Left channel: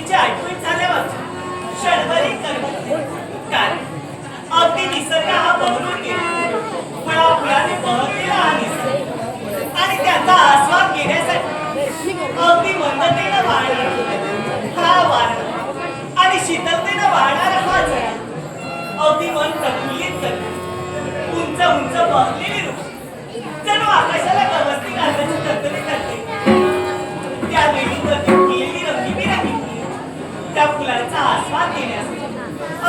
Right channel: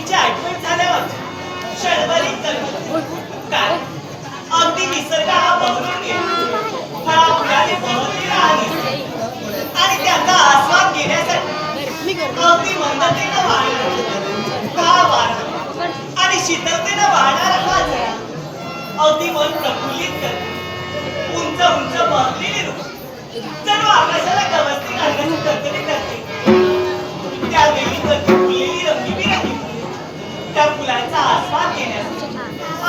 तिची आठवण झाल्यावर क्षणभरी करमत कारण अगदी निसर्ग हा बहरून गेला. फळाफुलाने बहरलेला हा निसर्ग आणि त्याचा आस्वाद घेण्यासाठी अगदी मंदतेनं वाहणारा हा वारा आणि शीतलतेनं वाहणारा हा झरा अगदी मन प्रफुल्लित करतो. उंच उंच बहरलेली वृक्ष जणू आकाशाला गवसणी घालण्याची तरतरी करते. त्या वेळीवरती फुललेली रंगीबिरंगी फुले त्या फुलांचा आस्वाद घेण्यासाठी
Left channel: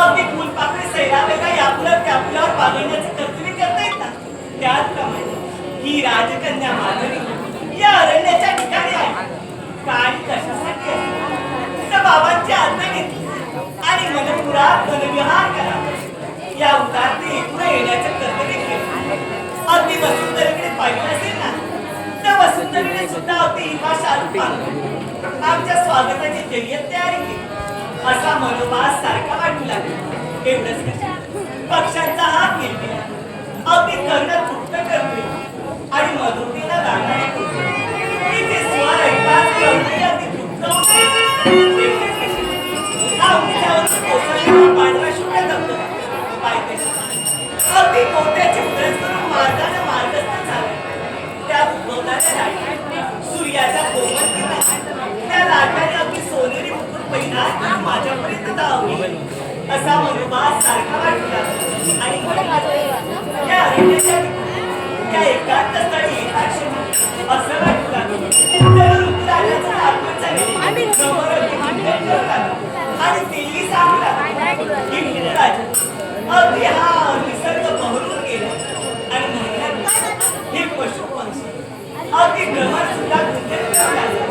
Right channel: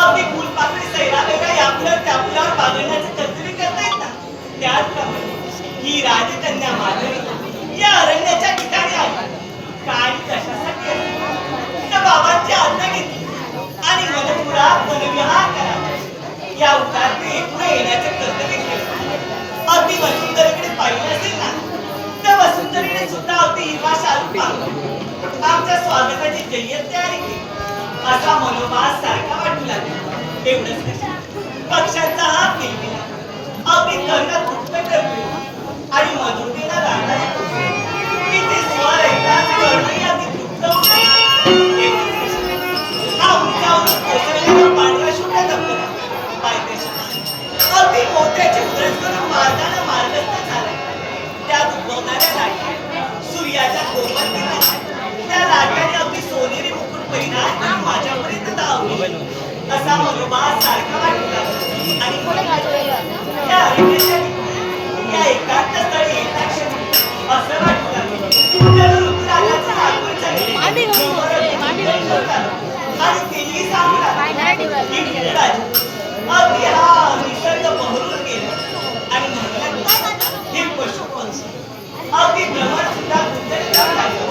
अगदी फुलपाकळी सैरावेला यापुढं त्यापुढं पागण्याची तरतरी करता येतात. त्याचप्रमाणे ही राजकन्या माधवी या अरण्याच्या ठिकाणी आहे. काय कशासाठी आहे तर बाबांची आज्ञा घेतली आणि मनपुरात वनविहार करा या उतारते एकूण येण्याचे कर्तव्य केले. अगदी वसुंधरेकडे पाहिजे असेल ना तर वसुंधरेने सुद्धा अगदी हिरवा शालू पांघरून आमच्या स्वागताची जय्यत तयारी केली. असा मनोभास सारखा वाटू लागला. एवढंच कशा पक्ष्यांचा हात केला अगदी कर्ण तुटत ठरले आणि मधुरतेला राहणारे तिथे स्वर ऐकताच कर्ण अगदी तुटत होते. एवढंच कशा हा उंचावरून कोसळलेला पांढरा शुभ्र धबधबा पायथ्याशी अगदी मोत्याची उधळस करून मार्गाने मार्गस्थ झाला. त्यात उद्भवणाऱ्या लाटा सूर्याच्या कोमल किरणांनी त्या लाटाने अगदी सोनेरी मुकुट परिधान करून माझ्यापर्यंत धावली. असा मनोभास सारखा वाटू लागला आणि त्या अरण्याच्या त्या एकांत स्थळी एका क्षणी असं वाटू लागलं जणू ऋतुराजाचं आगमन झालं. आणि तेही सांगू लागला की ऋतुराज अगदी हा निसर्ग बहरून गेला आणि म्हणलं हे पशु पक्षी अगदी भ्रमण सुद्धा गुंतले जाऊ लागले.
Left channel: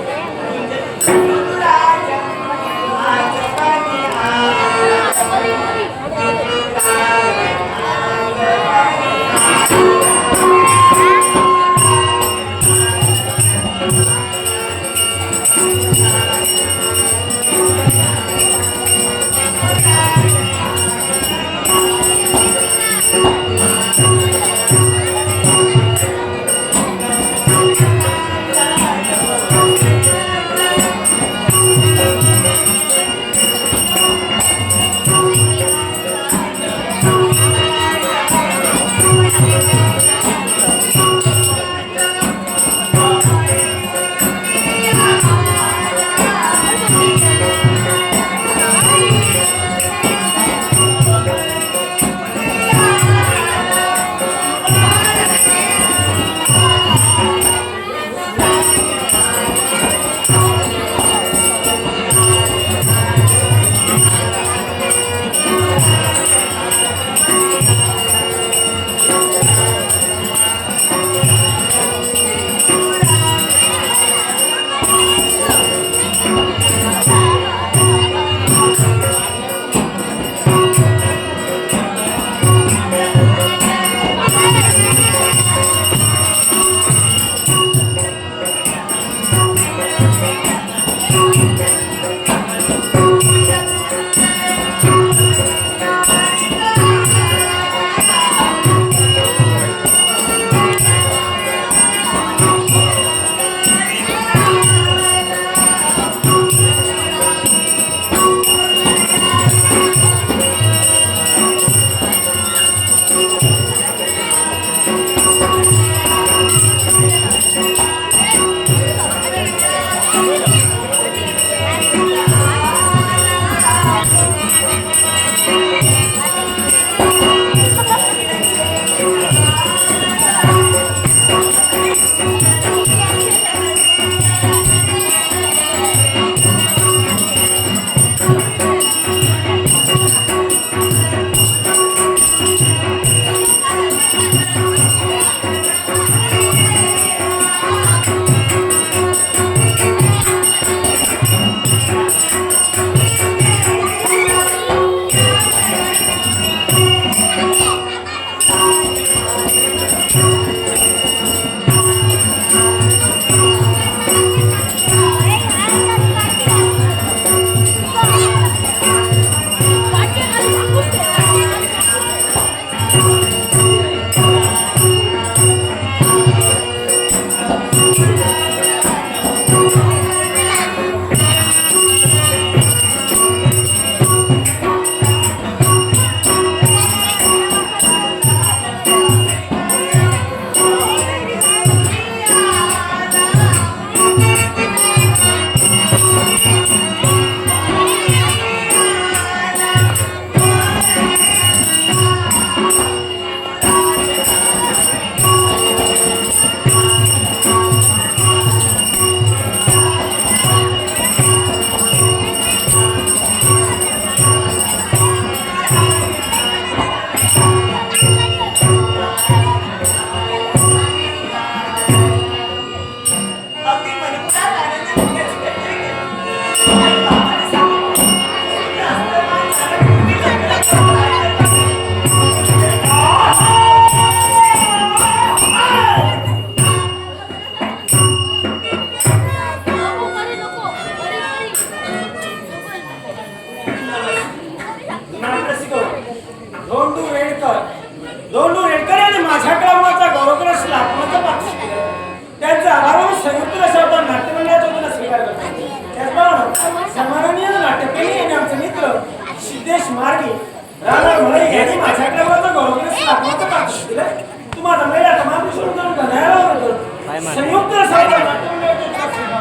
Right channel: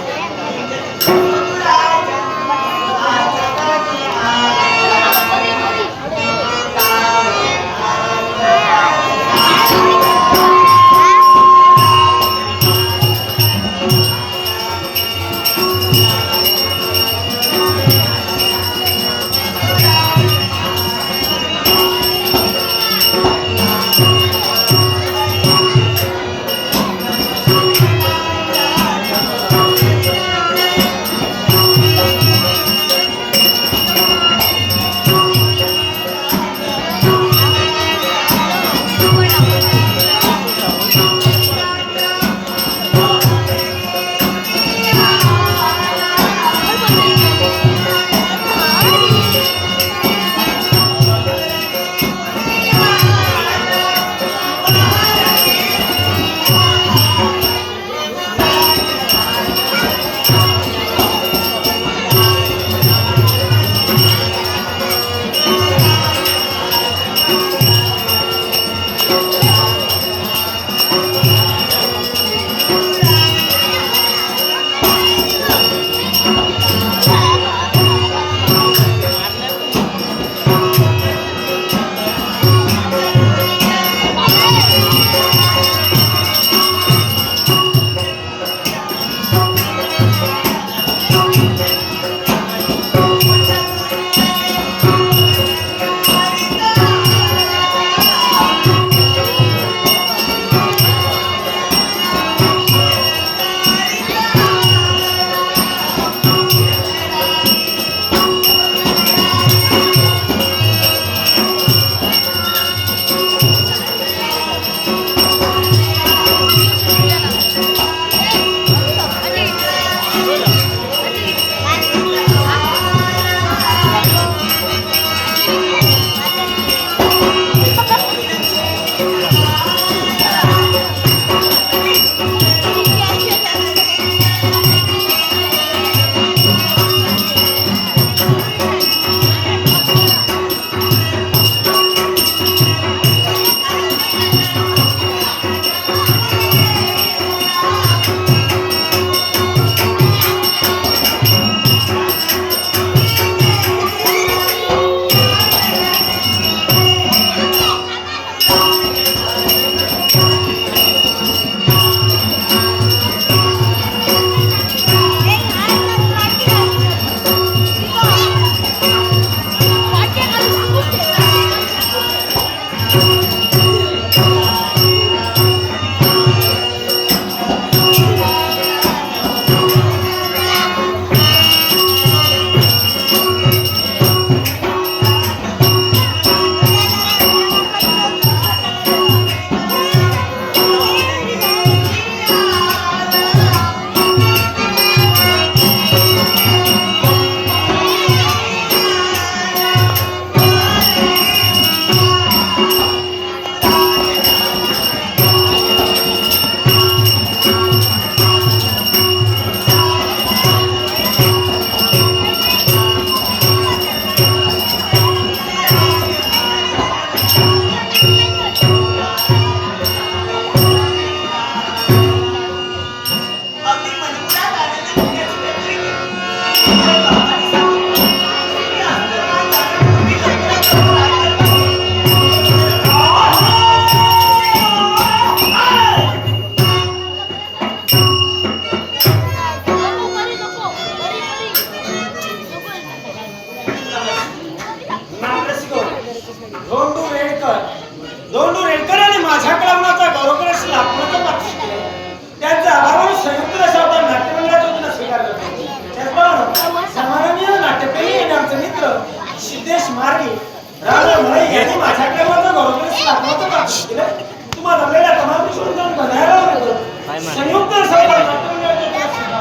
संयुक्त सभा नाट्यमंडळाचे सुद्धा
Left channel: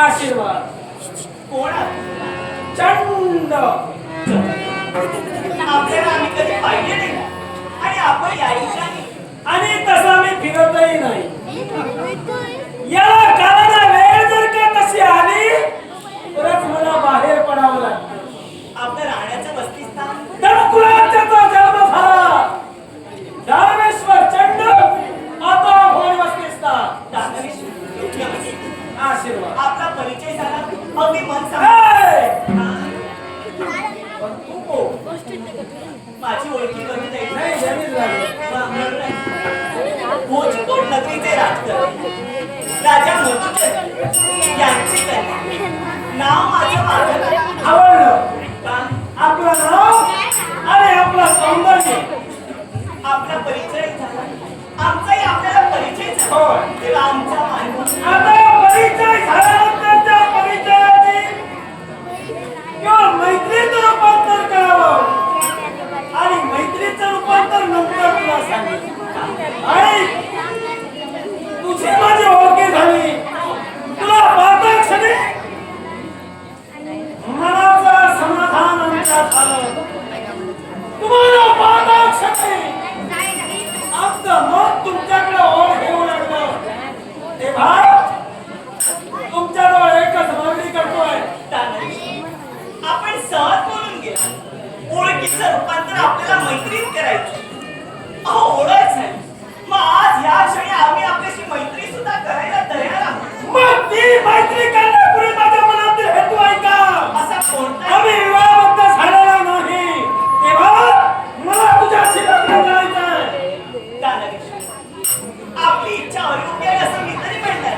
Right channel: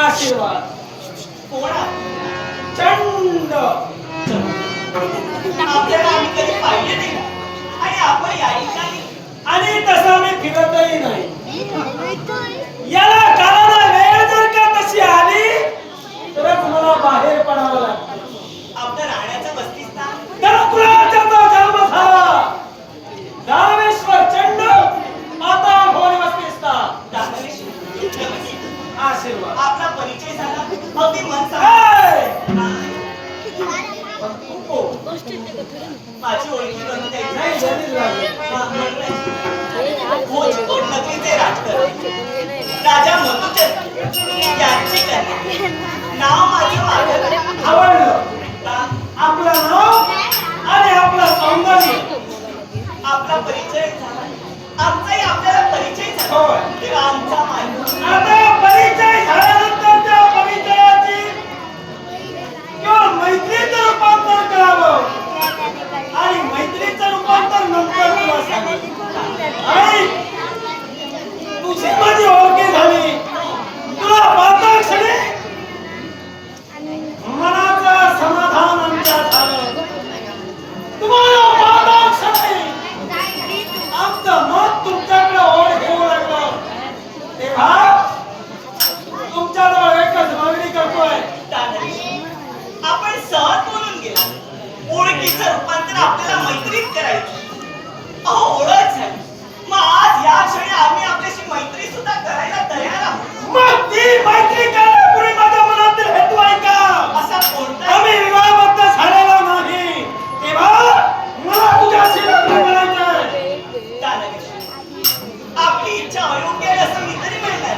आशीर्वाद. कोण आहे? चंड. आपल्याला आम्ही कधी पाहिले नाही आणि आपण या ठिकाणी आणि तसा मी फिरतही नाही. याला कारण वेळ जर का तशी आली तरच मला बाहेर पडावं लागतं. आपलं राहण्याचं बस्तीस्थान दरकुलांचा जन्म झाला. दानवेश्वर चंड आता भोरी बस्तीस्थान. दानवेश्वर आशीर्वाद. आपला परिचय झाला अगदी मन माझी ओळखी करून द्यायची नाही जमीन लागली. भोजपुर नगरीचे राजकरणी राजा मधुचंद्र यांची कन्या. नाव माझं माधव. आवडलं आपलं नाव आणि आपलं सौंदर्य. आपला परिचय झाला. आमचाही आपल्याला परिचय झाला. होय. तेव्हा आमचा मान आता परिचय झाल्यानंतरच्या परिचयाची किंवा मैत्रीचं रूपांतर करावं आणि मैत्रीचं रूपांतर नंतर तुला सांगेन. आई तुझी माझी ओळखी झाली. तुला पाहता क्षणी मनाचं समाधान आमच्या झालं. तुम्हाला पाहता क्षणी आमचं मन तुमच्याकडे ओढ घेऊ लागलं. तेव्हा तुमच्याजवळ एकच मागणी करतोय. आपण सहज बोलून गेला. ओळखीचं रूपांतर आपल्याला मैत्रीत करायचं. अहो ओळख झाली. मग आज या क्षणी आम्ही आपल्याशी मैत्री सुद्धा करायला तयार आहोत. मग ती मैत्री करण्यापूर्वी माझ्या मनातील हेतू ऐका. असा कोणता आम्ही विवाहबद्ध झालेला नाही. तेव्हा मला तुझ्याशी लग्न करायचंय. आपली इच्छा अयोग्य आहे असं मी तरी म्हणणार.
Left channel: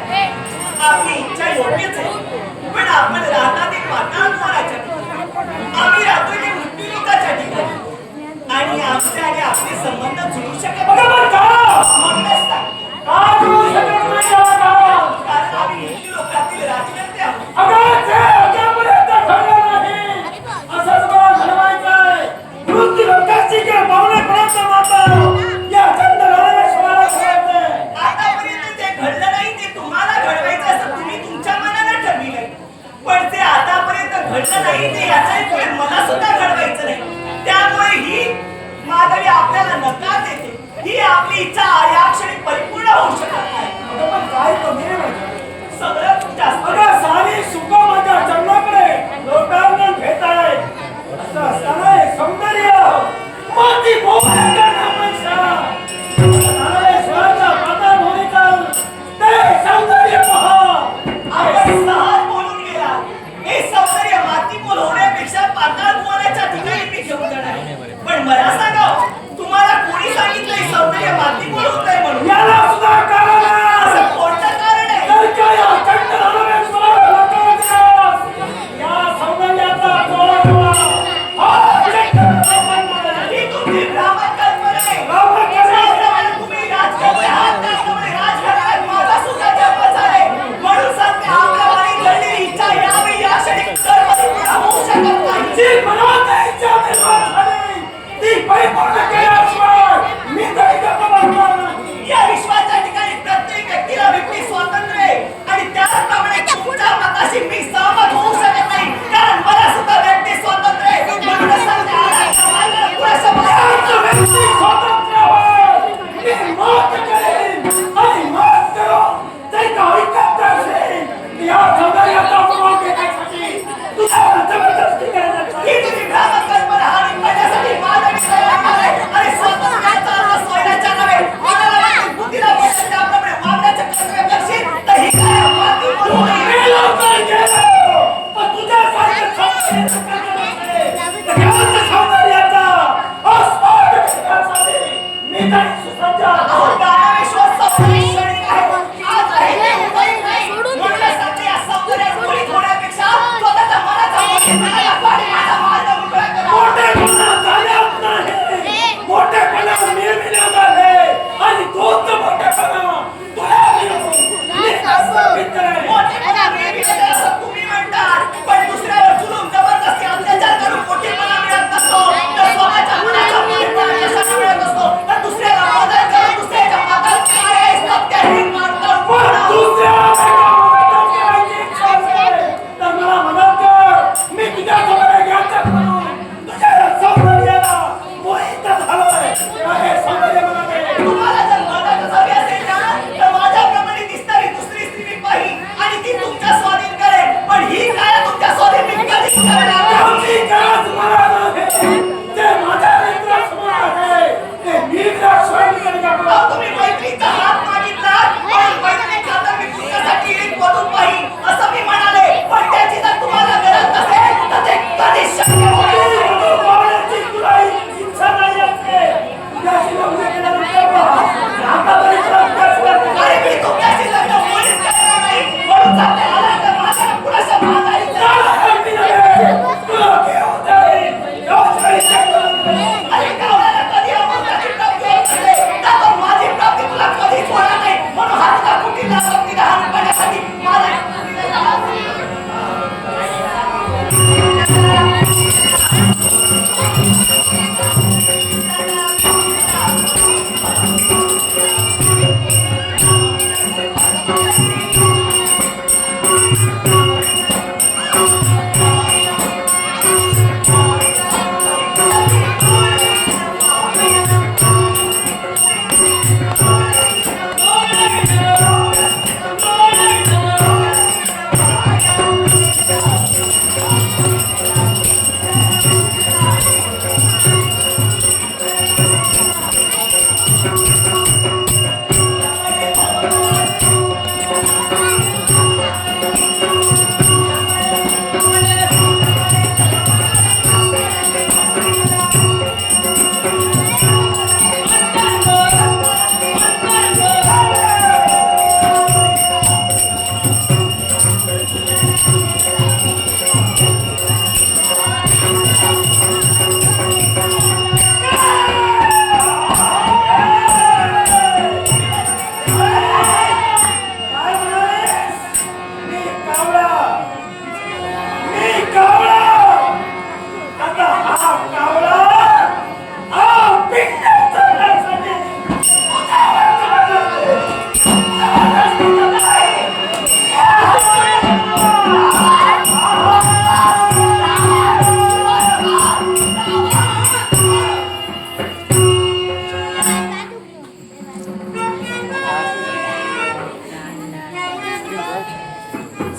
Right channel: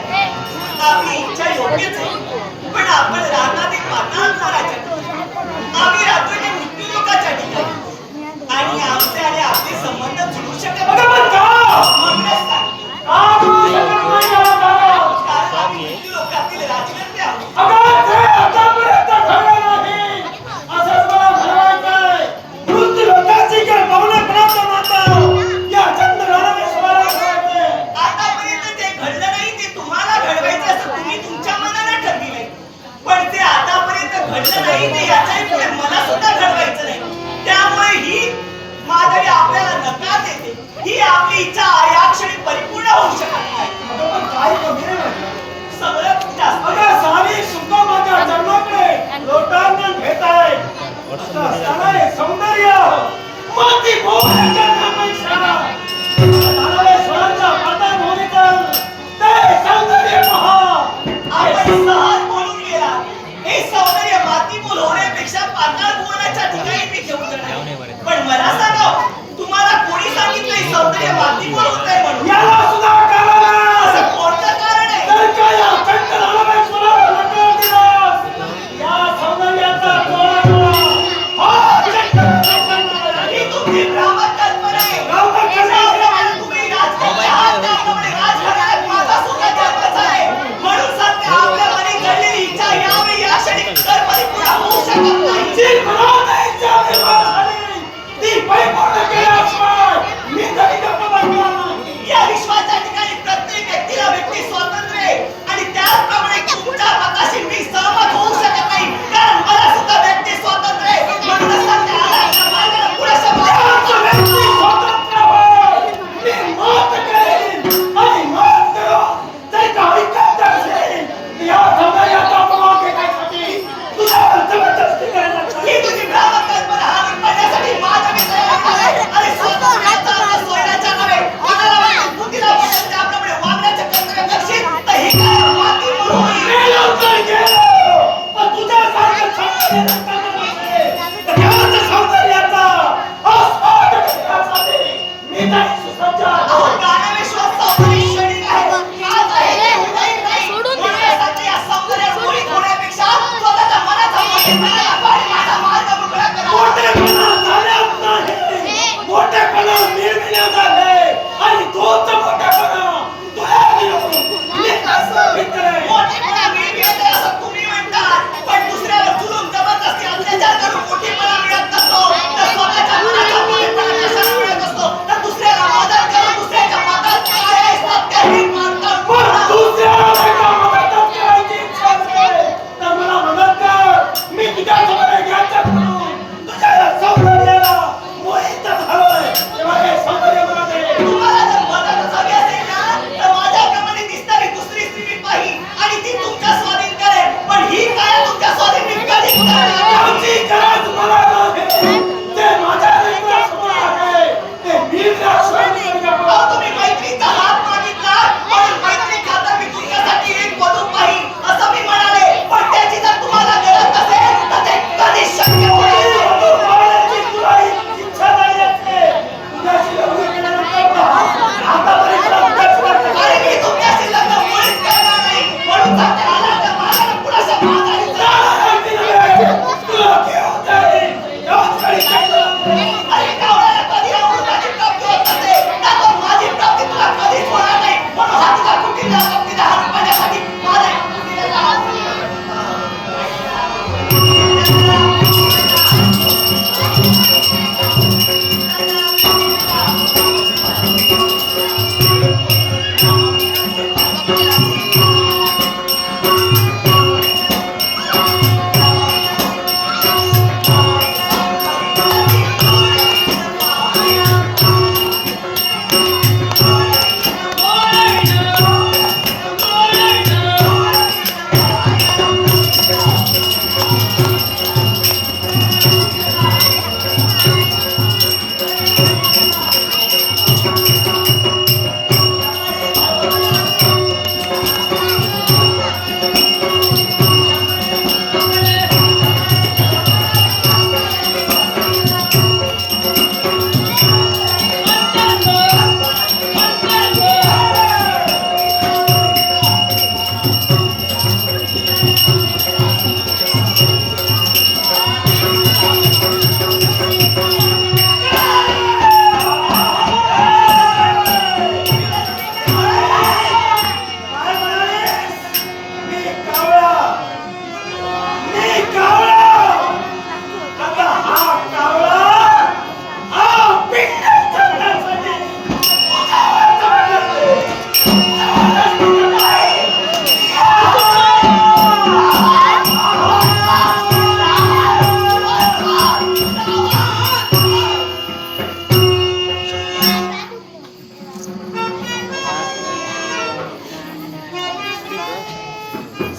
आपली इच्छा योग्यच आहे. पण आपण राहतात एक पाताळाच्या ठिकाणी. आम्ही राहतोय ते मृत्यूलोकाच्या ठिकाणी. आणि आमचे आणि आपले संबंध जुळू शकत अगं पण का? म्हणूनच सांगते. का जुळू शकत नाही याला कारण? कारण आम्ही मृत्यूलोकातील राजकन्या आहोत. अगं जे आतापर्यंत घडलं नाही असंच मला घडवायचंय. मृत्यूलोकाची किंवा पावलेपणाचं नातं या चंड दानवेश्वराला घडवायचंय. आतापर्यंत जे घडलं नाही ते तुम्हाला घडवायचं असं तुम्ही तुमच्या मनानं ठरविलंय. पण ते आतापर्यंत घडलं नाही ते याच्याही पुढे मला सुद्धा घडवायचं नाही. त्यामुळे ही माधवी आपल्याला नकार देते. ही आपली इच्छा या क्षणी परिपूर्ण होऊ शकत नाही. अगं पण काय कमी रे माझ्या? सगळं जास्त अगं सारी सुख माझ्या चरणाकडे लोटांगण घेत आहे. असं असताना हे सौंदर्य माती भोवऱ्या करण्यापेक्षा दानवेश्वराच्या पाताळभोवरीचं ते सौंदर्य पहा. आपण सहज बोलून गेला. हे सौंदर्य मातीमोल होण्यापेक्षा पाताळ भुवनाच्या ठिकाणी मी घेऊन जाणार. पण मला सांगा तुम्हाला कोणी सांगितलं हे सौंदर्य मातीमोल होत आहे म्हणून? याला सुद्धा कारण आहे. असं कोणतं कारण आहे? तर काय या चंड दानवेश्वराला नकार दिलास या सौंदर्याचा डोळा ही तुमची भ्रामक कल्पना आहे. भ्रामक कल्पना. ज्याप्रमाणे तुम्ही राजकारणी आहात त्याप्रमाणे राजघराण्यात माझा सुद्धा जन्मच आहे. म्हणून सांगते आपल्या मनात घडलेली इच्छा यावेळी या क्षणी तर परिपूर्ण होऊ शकत नाही. जी मनात इच्छा निर्माण झाली ती परिपूर्ण केल्याशिवाय मी तरी गप्प बसणार नाही. या विश्वाच्या ठिकाणी प्रत्येक व्यक्तीला व्यक्ती स्वातंत्र्य आहे आणि त्याचप्रमाणे तुमच्या मताशी मी सहमत होऊ शकत नाही. कारण मला सुद्धा व्यक्ती स्वातंत्र्य आहे. म्हणूनच सांगते आराच्या मार्गाला पुरेशा त्याच व्यक्ती स्वातंत्र्य होय. मी मात करेन आणि मात करून ते काही करत असेल या सौंदर्याचा अपमान करण्यासाठी तुझ्यावर जबरदस्ती करण्यात ही आली. तुझी भ्रामक कल्पना हानी पडण्यासाठी माधवी तयार आहे आणि स्वातंत्र्याचा अर्थ सोयऱ्याचा नव्हे. कोणाला वाटेल बुद्धीला पटेल त्याप्रमाणे वागण्याचे कर्तव्य करशील तर ही काय मातीमोल होईल. गेलो तर गेलो, पण तुझ्यासारखं सौंदर्य जर करणार नसेल, तर त्याच्या सौंदर्याचा आस्वाद घेण्यासाठी मी तरी सुसज्ज आहे. अहो दानवेश्वर सौंदर्य क्षणिक आहे. आज आहे ते उदयी नाही. म्हणूनच सांगते या सौंदर्यात मोहित होण्यापेक्षा स्वतःच्या मनाचा मोठेपणा दाखवा आणि माझा मार्ग मोकळा करा. मोठेपणा झाल्यात नाही, मोठेपणा मिळविण्यात आले आणि तोच मोठेपणा तुला मिळवून मी कसं भेटेल? मोठेपणा मिळविण्यात आहे असं तुम्ही म्हणतात. पण दुसऱ्यावर जुलूम जबरदस्ती अत्याचार करून मोठेपणा मिळत नसतो तर स्वतःच्या मनाचा मोठेपणा कसा मिळत असतो तर दुसऱ्याला काय म्हणालीस? मी कावळा. मी कावळा. आता हा कावळा हा पिंड चढण्यासाठी तुझ्यावर जबरदस्ती करतोय.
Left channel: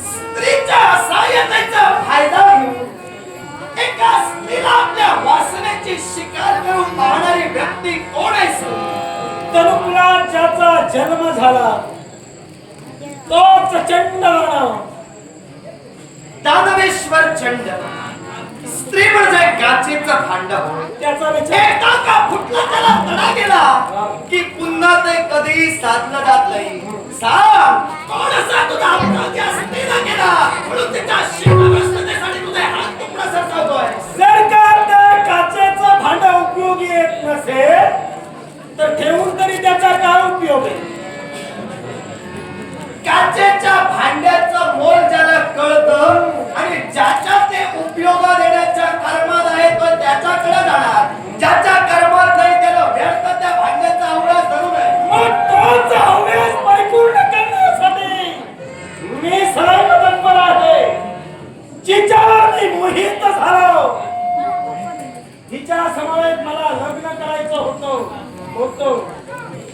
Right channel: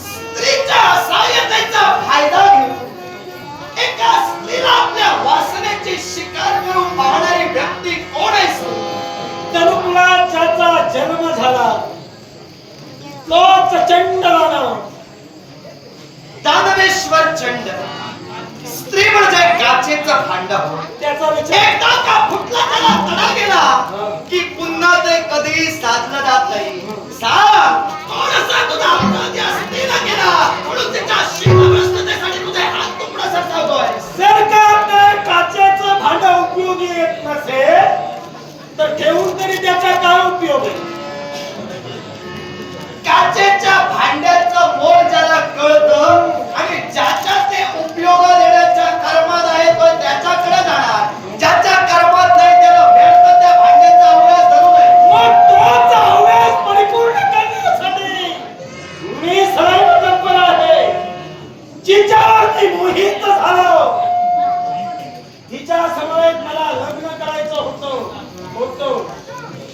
स्त्रीच्या सहाय्यतेचा फायदा घेऊन एका स्त्रीला आपल्या वासनेची शिकार करून पाहणारी व्यक्ती कोण आहे? तरुणला ज्याचा जन्म झाला तोच चंडवाना दानवेश्वर चंड. स्त्री म्हणजे काचेचं भांड होय. त्याचा एकदा का फुटला त्याला तडा गेला की पुन्हा ते कधीही साधलं जात नाही. सांग कोण असा तुझा अपराध या स्त्रीला केला म्हणून तिच्या शिल्लकतेसाठी तुझे हात तुकडा सरसावतोय? सरकार ते काचेचं भांड उपयोगी येत नसेल तर ठेवून तरी त्याचा काय उपयोग आहे? काचेच्या भांड्याचं मोल ज्याला कळतं आणि ज्याच्या ते उपयोग देण्याच्या कर्मात आहे तो त्याच्याकडे जाणार. ज्याच्या कर्मात नाही त्याला व्यर्थ त्या भांड्याचा हव्यास धरू नये. मग तोच हव्यास परिपूर्ण करण्यासाठी मी सदैव तत्पर आहे. जिच्यावर मी मोहित झालो तिच्या समवेत मला लग्न करायचं होतं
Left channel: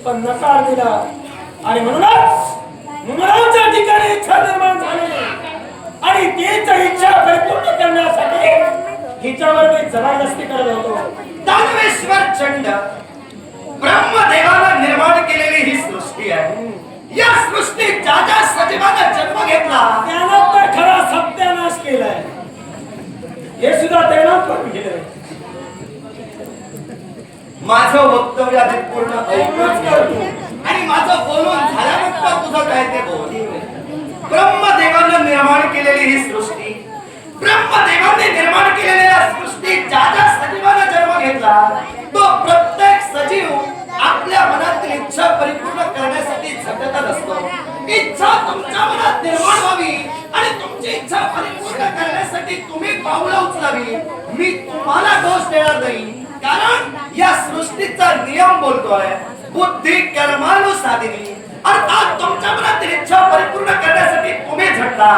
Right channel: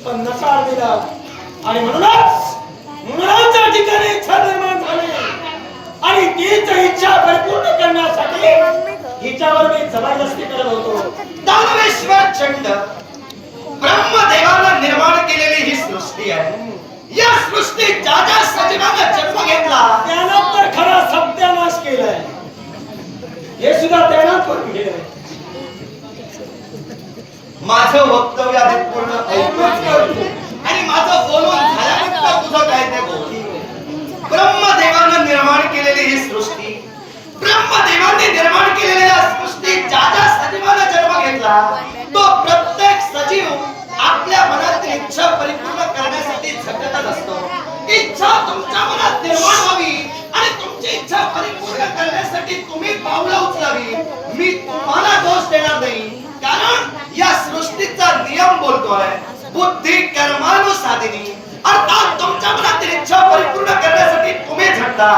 पण नकार दिला आणि म्हणूनच मुलाच्या ठिकाणी इच्छा निर्माण झाली आणि तीच इच्छा परिपूर्ण करण्यासाठी हिच्यावर मी जबरदस्ती करत होतो. दानवेश्वर चंड ब्रह्मदेवानं निर्माण केलेली ही सृष्टी आहे. या सृष्टीत ज्या ज्या सजीवानं जन्म घेतला त्यानं तर खरा सत्यानाश केलाय. हे सुद्धा त्यानं करून गेलंय. माझं वक्तव्य आधी पूर्ण ऐकूनच करतो आणि माझं बोलून झाल्यानंतर तुझं काय ते बोल. ब्रह्मदेवानं निर्माण केलेली ही सृष्टी ब्रह्मदेवाने निर्माण केलेल्या सृष्टीत ज्या ज्या सजीवानं जन्म घेतला तो प्रत्येक सजीव आपल्या मनातील इच्छा परिपूर्ण करण्यासाठी झटतच असतो. इच्छा तुमच्या मनात निर्माण व्हावी आणि तुमची इच्छा परिपूर्ण करण्यासाठी तुम्ही पावलं उचलावी. मी तुम्हाला दोष देणार नाही कारण या सृष्टीचा नियम बोलतोय बुद्धी कर्मानुसाधिनी. अर्थात तुमच्या मनातील इच्छा परिपूर्ण करण्यासाठी तुम्ही झटता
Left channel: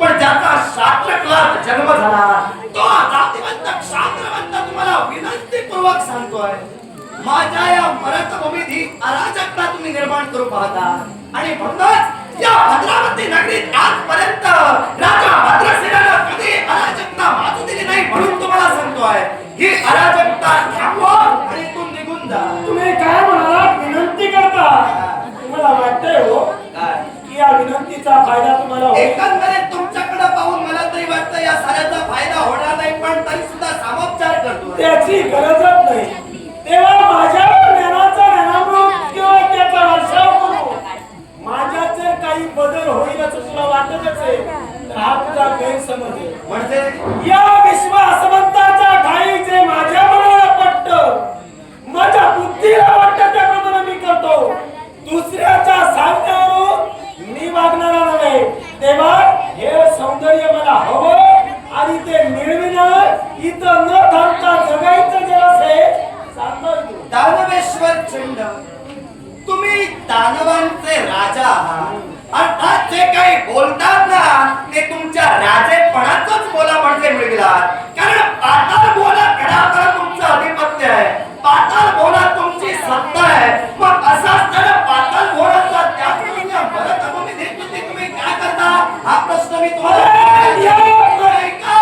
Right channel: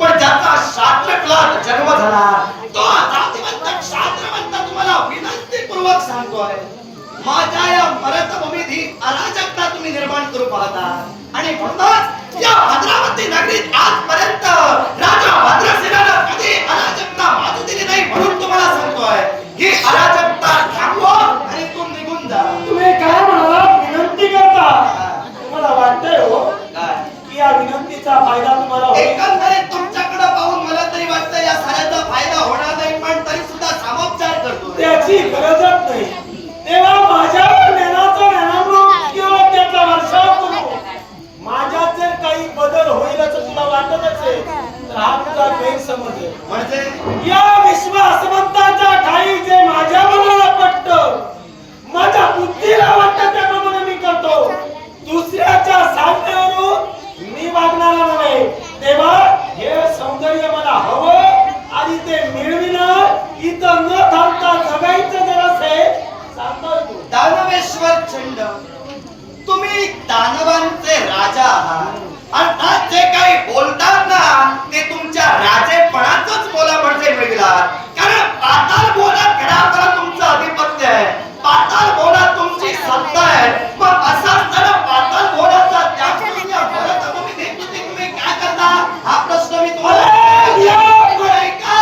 पण ज्याचा शास्त्रकलात जन्म झाला तो जातिवंत क्षात्रवंत तुम्हाला विनंतीपूर्वक सांगतोय माझ्या या मरतभूमीत ही अराजकता तुम्ही निर्माण करू पाहता आणि म्हणूनच या भद्रावती नगरीत आजपर्यंत राजा भद्रसेनानं कधी अराजकता माजू दिली नाही. म्हणून तुम्हाला सांगतोय ही अराजकता थांबवा आणि तू निघून जा. तुम्ही काय म्हणाला विनंती करता? तुम्हाला वाटतंय हो की या विनंतीचा फायदा तुम्हाला होईल? एकंदरीत तुमच्याकडे पाहून मला तरी वाटतं या साऱ्याचा फायदा होणार नाही पण तरी सुद्धा सामोपचार करतो. त्याची गरजच नाही. तेव्हा माझ्यावर ज्ञानामृत किंवा त्याचा वर्षाव करू. माझ्यात जर काही बदल होईल असं तुला वाटतच आहे तर हा तुझा गैरसमज आहे. म्हणजे या विश्वासवंताच्या ठाई जे माझ्या मनाला पटतं माझ्या बुद्धीला वाटतं त्याप्रमाणे मी करतो. दुसऱ्याच्या सांगण्यावरून मी वागणार नाही. तेव्हा हे सौंदर्य मला हवं आणि ते मिळविणं इथं न थांबता जगायचं जर असेल दानवेश्वर चंड तुम्ही दानवांचे राजा आहात. अर्थात जे काही बोलतात ना ते तुमच्या राजेपणाचंच बोलापणचे मिळविलात. कारण पाताळ भुवनात घरापर्यंत तुमचं आधिपत्य आहे, पाताळ भुवनात तुमची सत्ता आहे. मग असा असताना पाताळ भुवनाचा त्याग करून या भरतभूमी देखील तुम्ही काय करता हा प्रश्न मी तुम्हाला ऐका.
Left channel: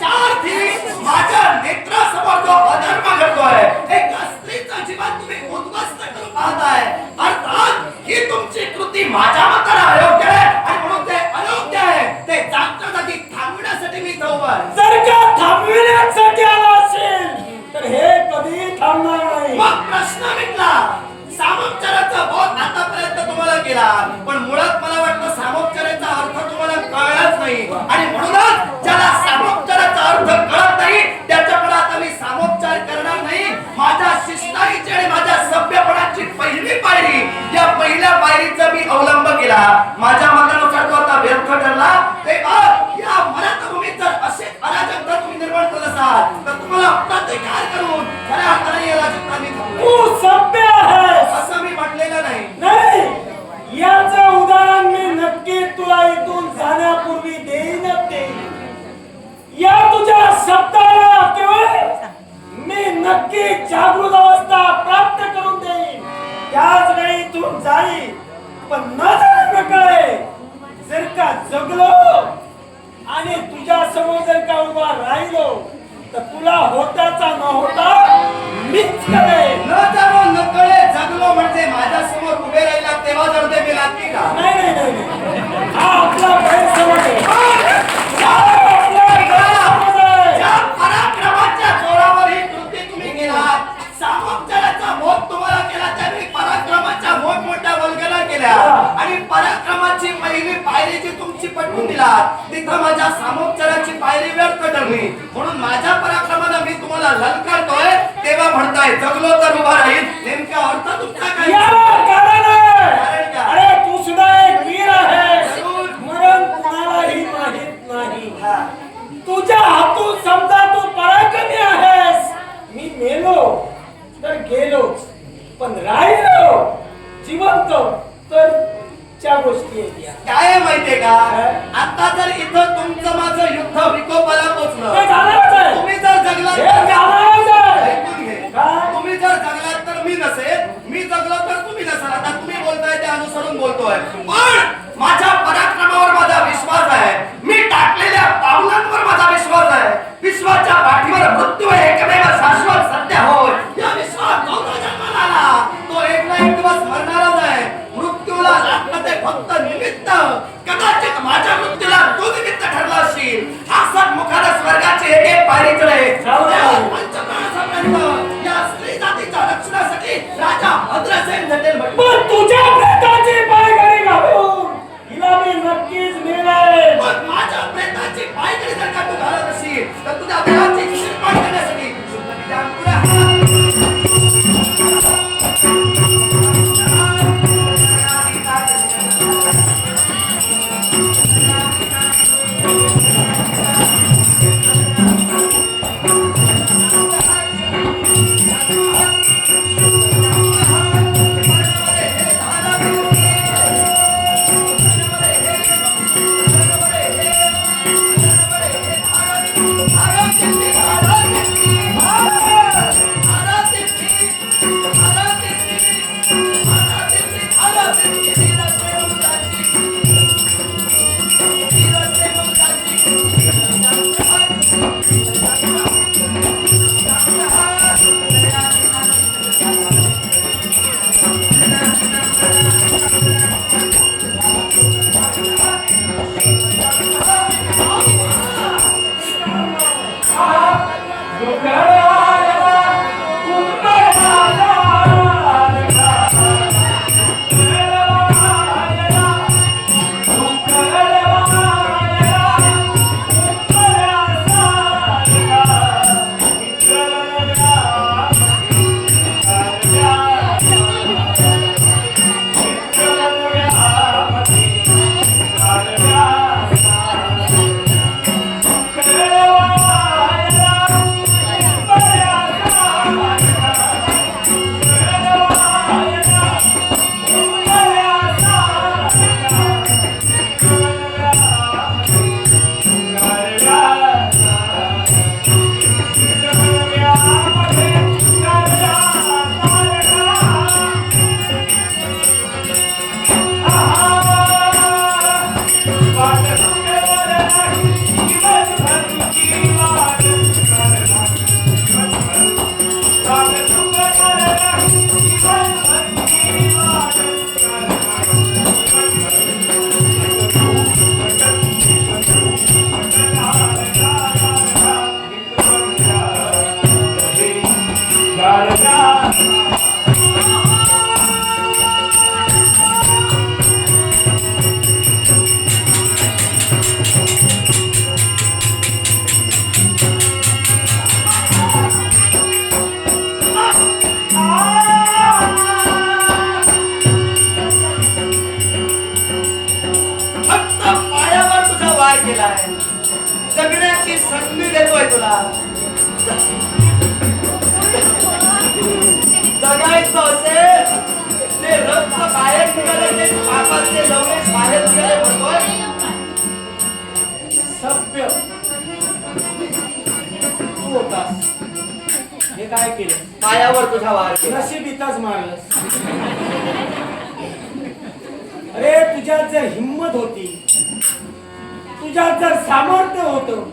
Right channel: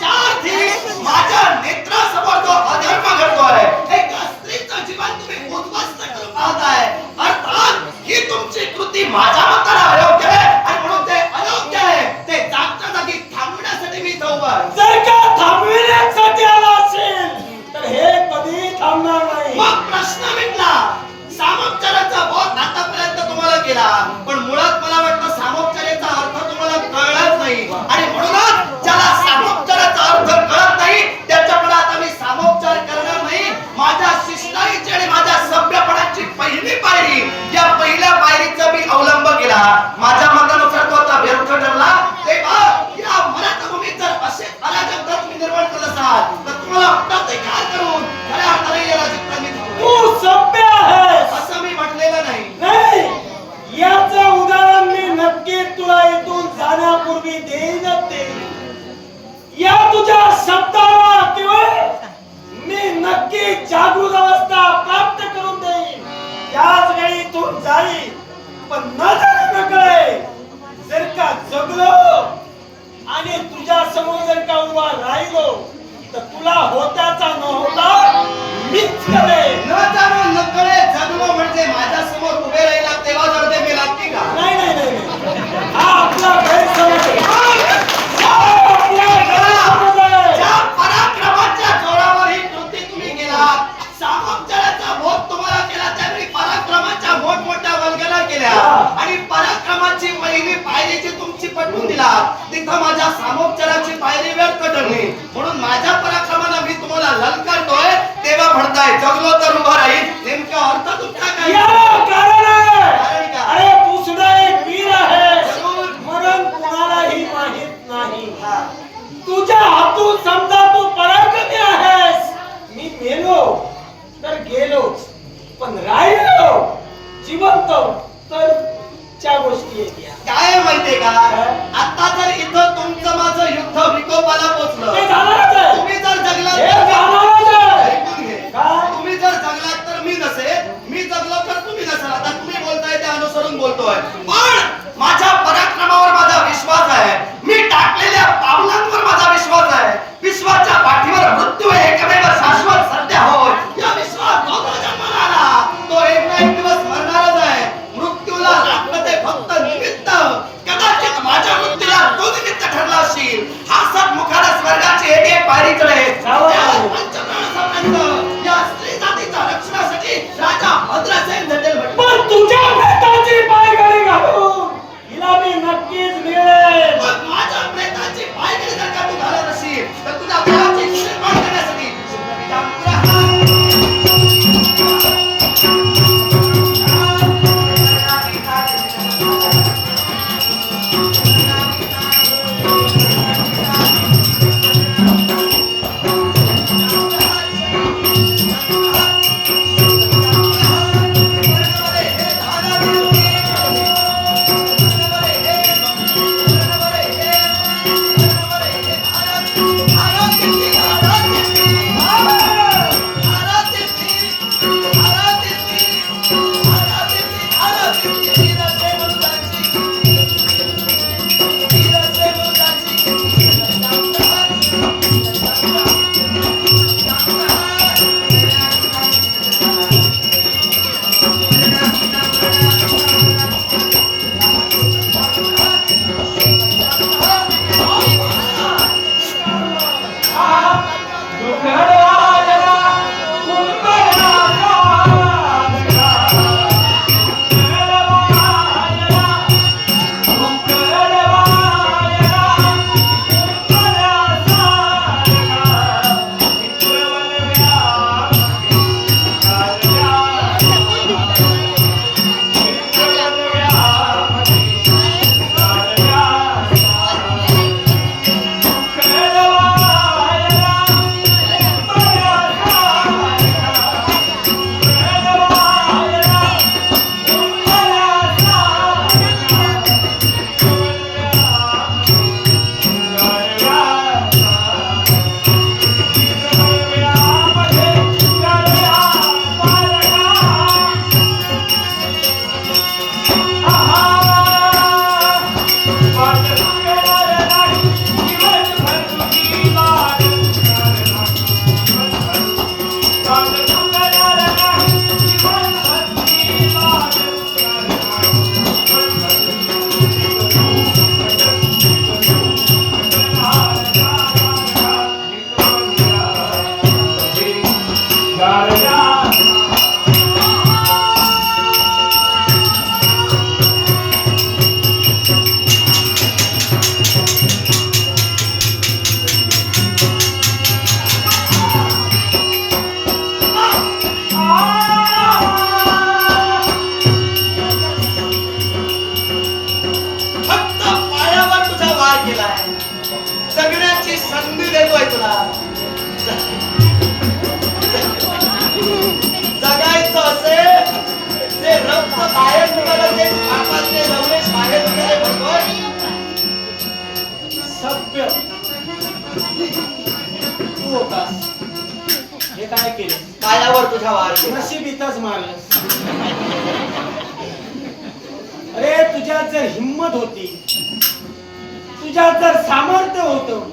4 दिवस माझ्या नेत्रासमोर जो अधर्म घडतोय, एक स्त्रीचं जीवन तुम्ही उद्ध्वस्त करून पाहताय. अर्थात ही तुमची कृती माझ्या मताला अयोग्य आहे आणि म्हणून ते अयोग्य आहे. ते जागच्या जागी थांबवण्यासाठी मी इथं उभा आहे. जर का थांबविण्यासाठी आला असेल तर हे कधी थांबणार नाही. मग प्रश्न मिटला. सामोपचाराचा बोध आतापर्यंत तुम्हाला केला, पण मुळात मला वाटतं सामोपचाराचा अर्थ तुम्हाला कळलाच नाही. आणि म्हणूनच ज्याला सामोपचाराचा अर्थ कळत नाही त्याच्याकडे आता मी सामोपचार करणार नाही. माझ्या शिष्टाईची आणि माझ्या सभ्यपणाची पहिली पायरी, या पहिल्या पायरीचा मी अवलंब केला. माझ्या मतानुसार तो आता व्यर्थ ठरला. तेव्हा या मराठभूमीत जर असे अराजक जर तुम्ही निर्माण करत असाल तर तुम्हाला प्रतिकार करून खऱ्या अर्थाने या राजकारणी तू सभ्य आहेस असं मी म्हटलेलं नाही. नाही, याचं उदाहरण मी नक्की तुला इथून जाण्यापूर्वी देईनच ते. या तुझ्या शब्दाला केवळ मी नक्की जागृत अवस्था प्राप्त करून देईन. त्याच वेळी इथून जाईल, पण न जाणे कळे. जर का जगलो आणि तुझ्या समोर जर का उभा राहिलो तर तुला होताचा न होता मीच करेन. न जाणो न कळे जगलो म्हणजे माझ्या समोर उभे राहिला तेव्हा जर ते मी लागते का? नाही नाही नाही, हा आपला गैरसमज आहे. आपला गैरसमज आहे. ज्या पराक्रमाच्या जोरावर ही कृती तुम्ही केलात, सामोपचाराचा बोध तुम्हाला केला, त्यावेळी पराक्रमाच्या मोठमोठ्या वल्गना केल्या आणि पराक्रमाची पहिली पायरी जी तुमची पटवून दिला तिथं माझ्या सामोपचाराची पायरी व्यर्थ ठरली. म्हणून माझ्या पराक्रमाला मी तुम्हाला ललकारतोय तेव्हा म्हणताय जगलो तर उभा राहील. नेमका अर्थ तुमचा काय? याला कारण आहे. कारण काय? अरे तू सुद्धा एक वीर आहेस. जरूर. मरण कुणालाही माहित नाही. हा. तुझ्या हातून समजा तू पराक्रमी आहेस. मी मेलो तर गेलोच, पण राहिलो जिवंत तर त्या गोष्टी येत्या. काय आहे माहितीये का, आता जर इथं तुमचं माझं युद्ध विकोपाला पोचलं, ते जाणारच आहे. तुम्ही जर जगलात हे तर जाणारच आहे. ऐकून घे. काय? तुम्ही जर जगलात तर मी नसेल, मी जगलो तर तुम्ही नसाल. आता तुम्ही बोलताय ते अनुसरून बोलतोय, पण माझ्या पराक्रमावर माझा विश्वास आहे. मी टाकलेल्या पावलांवर माझा विश्वास आहे. विश्वाच्या पाठीवर मृत्यू एकमेव शाश्वत सत्य होय. या विश्वास जो जन्माला आला तो एक ना एक दिवस मरणारच आहे. मृत्यूला लागतं ते फक्त निमित्त. कदाचित माझ्या मृत्यूला तू निमित्त ठरला असशील. हासत मुखाने स्वर्गाची एक एक पायरी चढे. पंचप्राणापर्यंत या स्त्री जातीच्या रक्षणासाठी राजा भद्रसेन झटेल. पण तुझ्या प्रेताची पायघडी घालून हिला मी नक्कीच मिळेल. पण माझ्या प्रेताची पायघडी जर का तू घालत असशील तर तुझ्या देहाची निर्माण करण्यासाठी कशाला ते पापाचे नवरेश बाहेर गेले म्हणतोय? सभ्य तू होतास. हे काय केलं? पायावर तुझा वार केला. नशीब इथंच मारलंस. अरे तुझ्यात जर हिंमत होती, तुझ्यात जर सामर्थ्य होतं,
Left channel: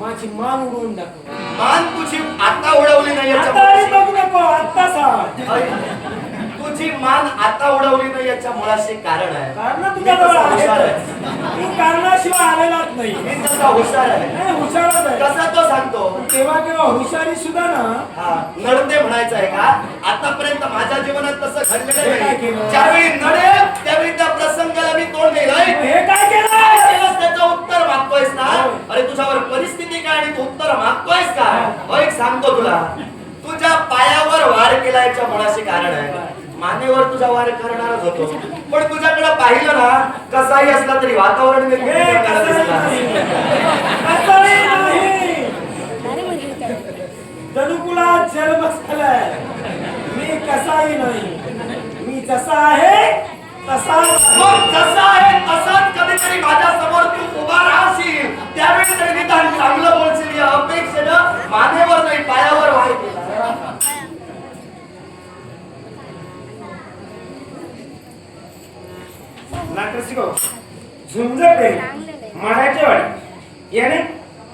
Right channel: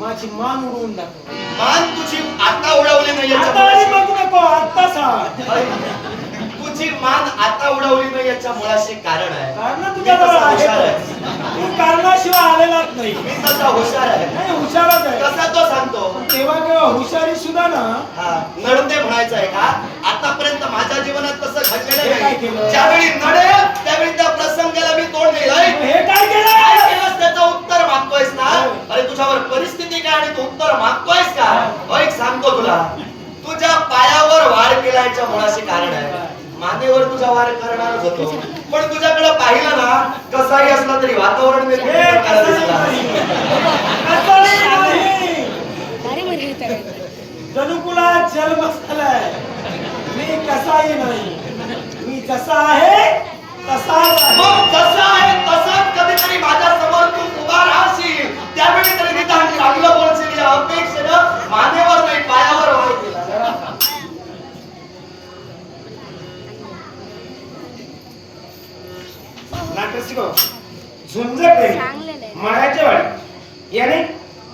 माझी मान उडवून दाखव. मान तुझी आता उडवली नाही आता आणि बघ नको, आता सांग. तुझी मान आता उडवली नाही याच्या मुळाशी कारण आहे. कारण तुझ्याजवळ आहे. तू कारणाशिवाय आलेलाच नाही. मी तसा हुशार आहे. नाही हुशारच आहे. कसा तो सांगतो. पण तेव्हा केव्हा हुशारी सुद्धा ना. हा नडते म्हणायचं आहे का? आतापर्यंत माझ्या जीवनात तसं घडलेलं हे काय नाही. केलं? ज्यावेळी नडेल त्यावेळी त्या प्रसंगाला मी तोंड दिलंय. हे काय केलं? काय केलंस त्याचं उत्तर मागतोयस ना? अरे तुझ्यावर परिस्थिती काय आणि तू उत्तर मागतोयस का? एक सांगतो तुला, तुझ्या पायावर वार केला याच्या मुळाशी कारण आहे. मानेवर तुझा वार करणारच होतो, पण तुझ्याकडे पाहिलं ना, कसाही असला तरी वातावरण हे कसंही नाही. कसंही नाही. जनुकुला जन्म झालाय. मी कसाही नाही. मी जसा आहे तसाच आहे. मग जसा आहे तसाच कधीतरी माझ्या समोर तू उभा राहशील, त्यावेळी तरी निदान चांगलं बोलशील या अपेक्षेनं मानेवर नाही पायावर वार केला. नाटक झुंज प्रेमी मारायच्या वेळी याने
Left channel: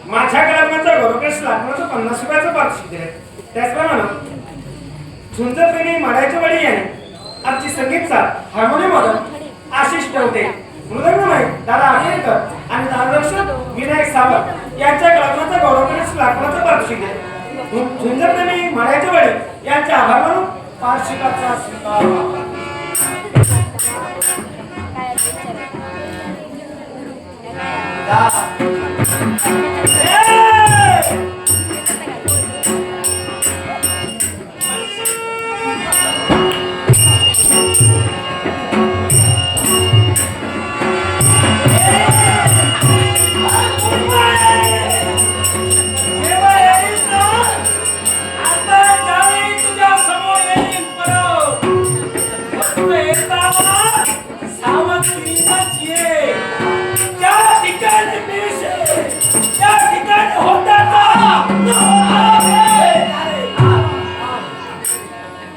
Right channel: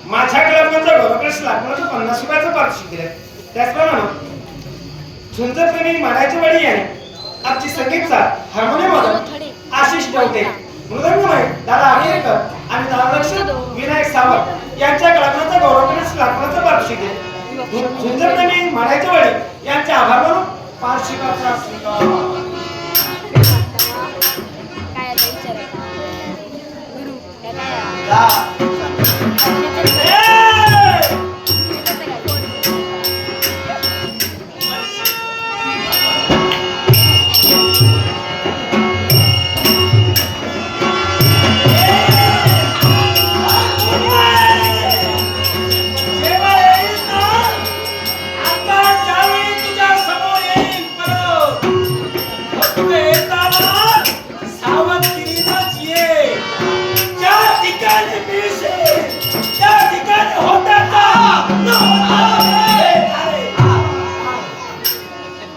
माझ्या कलाकारांचा गौरवकश लागण्याचं 50 रुपयाचं पारितोषिक दिले. त्याचप्रमाणे झुंज प्रेमी मारायच्या वेळी याने आमची संगीतचा हार्मोनियम वादक आशिष टवटे, मृदंगमय दादा आकेरकर आणि तालरक्षक विनायक सावंत यांच्या कलाकारांचा गौरवकश लागण्याचं पारितोषिक दिले. झुंज प्रेमी मारायच्या वेळी यांचे आभार मानून पारितोषिकाचा स्वीकार.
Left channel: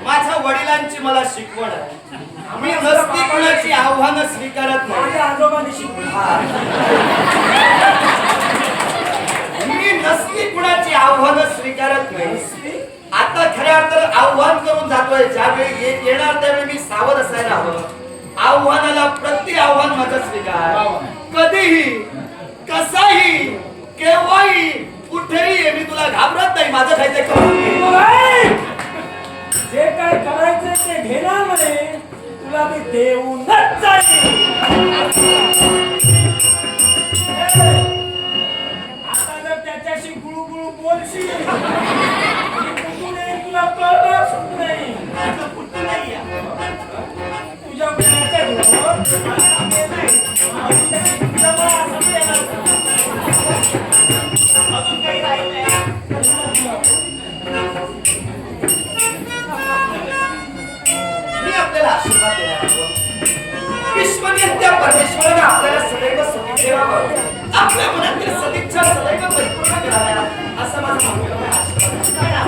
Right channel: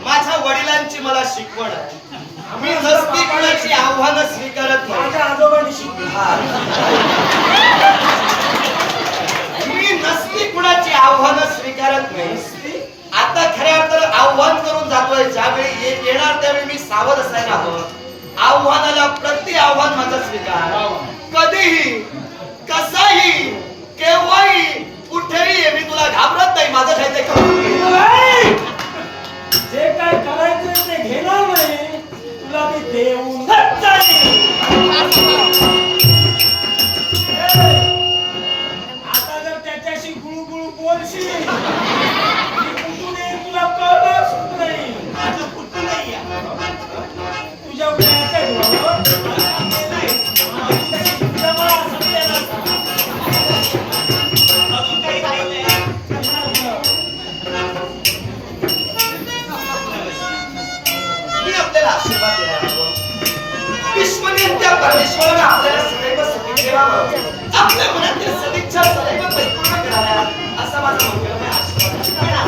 माझ्या वडिलांची मला शिकवण आहे. मी नसती कोणाची आव्हानं स्वीकारत नाही. माझ्या आजोबांनी शिकवलं. मी नसती कुणाची आव्हानं स्वीकारत नाही. आता खऱ्या अर्थानं आव्हान करून जातोय. ज्यावेळी येणार त्यावेळी मी सावध असायला हवं. आव्हानाला प्रति आव्हान माझा स्वीकार. कधीही कसाही केव्हाही कुठेही ये, मी तुला घाबरत नाही. माझं काही ते करून घे. जे काय करायचे ते घेणार म्हणे, तुला ते देऊनच जाईल. आता जर त्याच्याशी गुळगुळ बोलशील, कुठून येईल तुला कळणार सुद्धा नाही. माझं कुठं नाही आहे. तुझ्या गुणाच्या जीवावर जमा संपलेला अजून काही राहिलंय? मी आपल्याला आशीर्वाद देणार आहोत. विश्वनियंत्या परमेश्वराने आपल्याला सदैव सुखी ठेवावं, आपल्या मनातील सदिच्छा सदैव परिपूर्ण कराव्या, असा माझा मंगलमय आशीर्वाद आहे.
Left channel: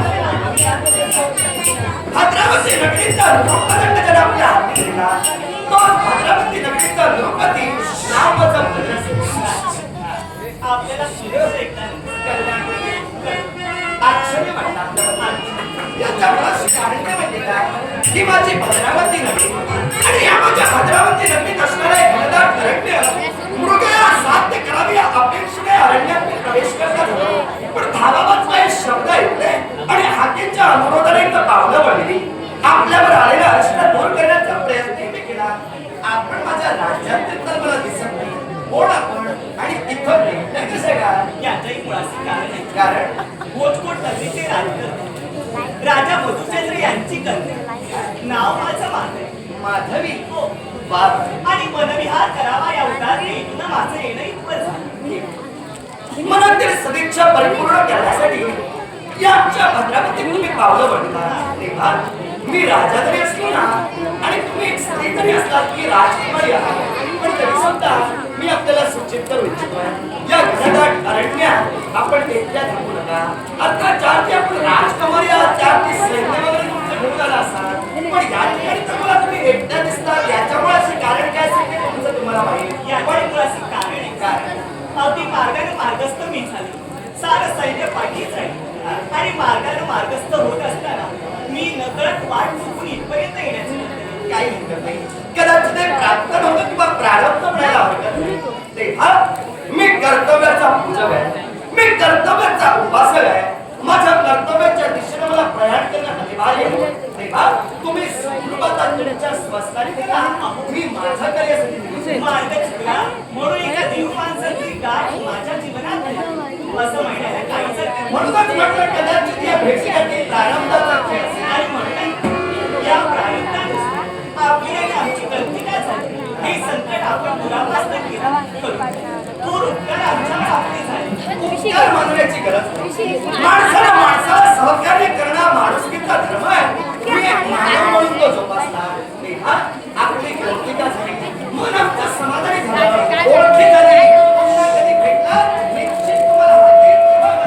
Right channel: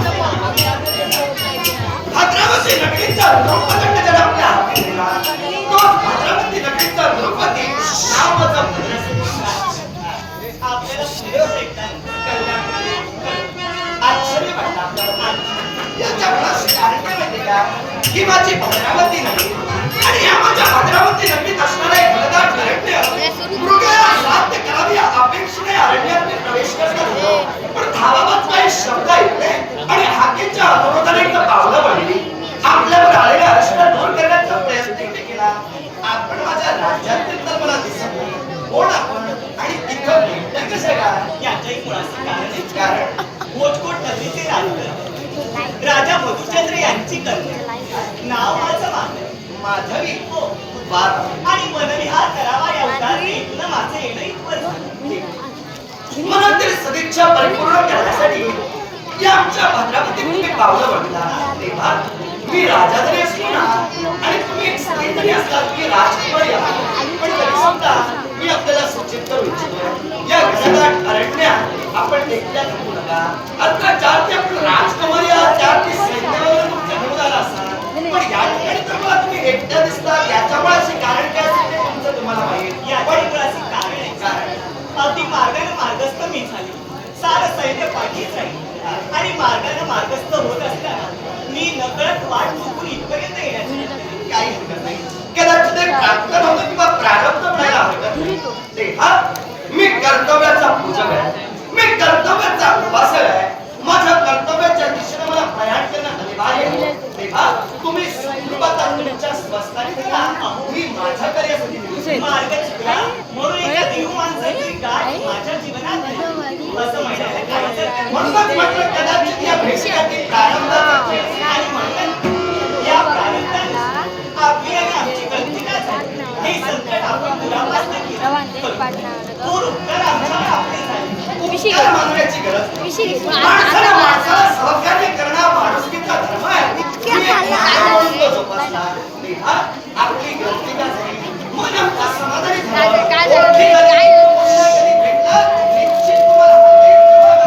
भद्रावती नगरीचा द्रौपदंड जर आपल्या हाती दिला, तो भद्रावती नगरीचा द्रौपदी नाव जपत आपल्याला शिरवत ऐकणार. आश्चर्य वाटलं आपल्याला. याच्या मुळाशी कारण काय माहिती का? ही माझी भद्रावती नगरी आणि या माझ्या भद्रावती नगरीत असणारे घनदाट अरण्य, मृगया साध्य करावी या अपेक्षेने अरण्यात मी प्रवेश करत होतो. पण धाबाबाच काही शब्द ऐकले आणि हाकेच्या अनुरोधाने एक पावलं पडली. आपल्यावर आलेला अडचण दूर करण्याचा प्रयत्न मी केला. आपण माझ्या राज्यातील तर मला दिसत नाही. कोण आपण आणि इथं भेटलं कसं काय? याच्याही मुळाचं कारण आहे. कारण भोजकोट नगरीचे राजकन्या राजा मधुचंद्र यांची कन्या. नाव माझं माधवी. माधवी हो. बाप आणि मनविहार करावा या उदाहरणीतून माझं येणं इथवर झालं. मनातील सदिच्छा परिपूर्ण करण्यासाठी या आमच्या भद्रावतीत तुम्ही पावलं पडला. तेव्हा मी राजा जरी असलो ना आणि तुम्ही एक स्त्री जरी असला की राजकुमारी आहे, पण तरी सुद्धा मी आपल्याला सूचित करू इच्छितो या घनदाट अरण्यात आपण एकट्या थांबू नका. आता ज्या की आपण राजकुमारी आहात त्या की सैन्यावरून तुमचं घेऊन आला असाल, पण या ठिकाणी तर मला तुम्ही एकट्या दिसतात. याच्यामुळे कारण काय असेल ते तुमचं तुम्हाला माहिती. याच्या मुळाचे कारण आहे. कारण अगदी मार्गाने मार्गस्थ मी झाले, सारं सैन्य पाठीच आहे आणि मार्गाने मार्गस्थ होत असताना मी नकळत वाट चुकून इथपर्यंत येण्याची काही हरकत नाही. कदाचित ते प्राप्त नव्हतं किंवा प्रारब्ध म्हणायला हरकत नाही. तेव्हा मी कर्तव्याचा पूजक आहे, मी कर्तव्याचा उपासक आहे. माझ्या कर्तव्याच्या दिशेने मला प्रयाण करणं अनिवार्य आहे. तेव्हा तुम्ही सुखरूपता तुमच्या स्वस्थानी करा, मी माझ्या कार्यासाठी निघतो. मार्ग चुकला म्हणून एका देव माणसाची गाठ माझ्या जीवनात नाही, असं म्हणायला काहीच हरकत नाही. म्हणूनच म्हटलं कदाचित या भेटीसाठी प्रारब्धाचा खेळ असेल. आणि म्हणून या प्रारब्धानुसार आपली आणि आमची गलती काय झाली हे संकट आपण दुरापास्त केलं. थोर उपकार आमच्यावर आपले झाले. उपकार मानण्याची गरज नाही. माणसाला माणसाला सहकार्य करणं हा माणुसकीचा धर्म आहे. तुम्ही एक मानव म्हणून तो जोपासला. तेव्हा आपली गलती का झाली मन आमचं समाधानी झालं. ओळखी झाली. पुन्हा कधी भेटलं, निश्चित तुम्हाला वाटेल तेव्हा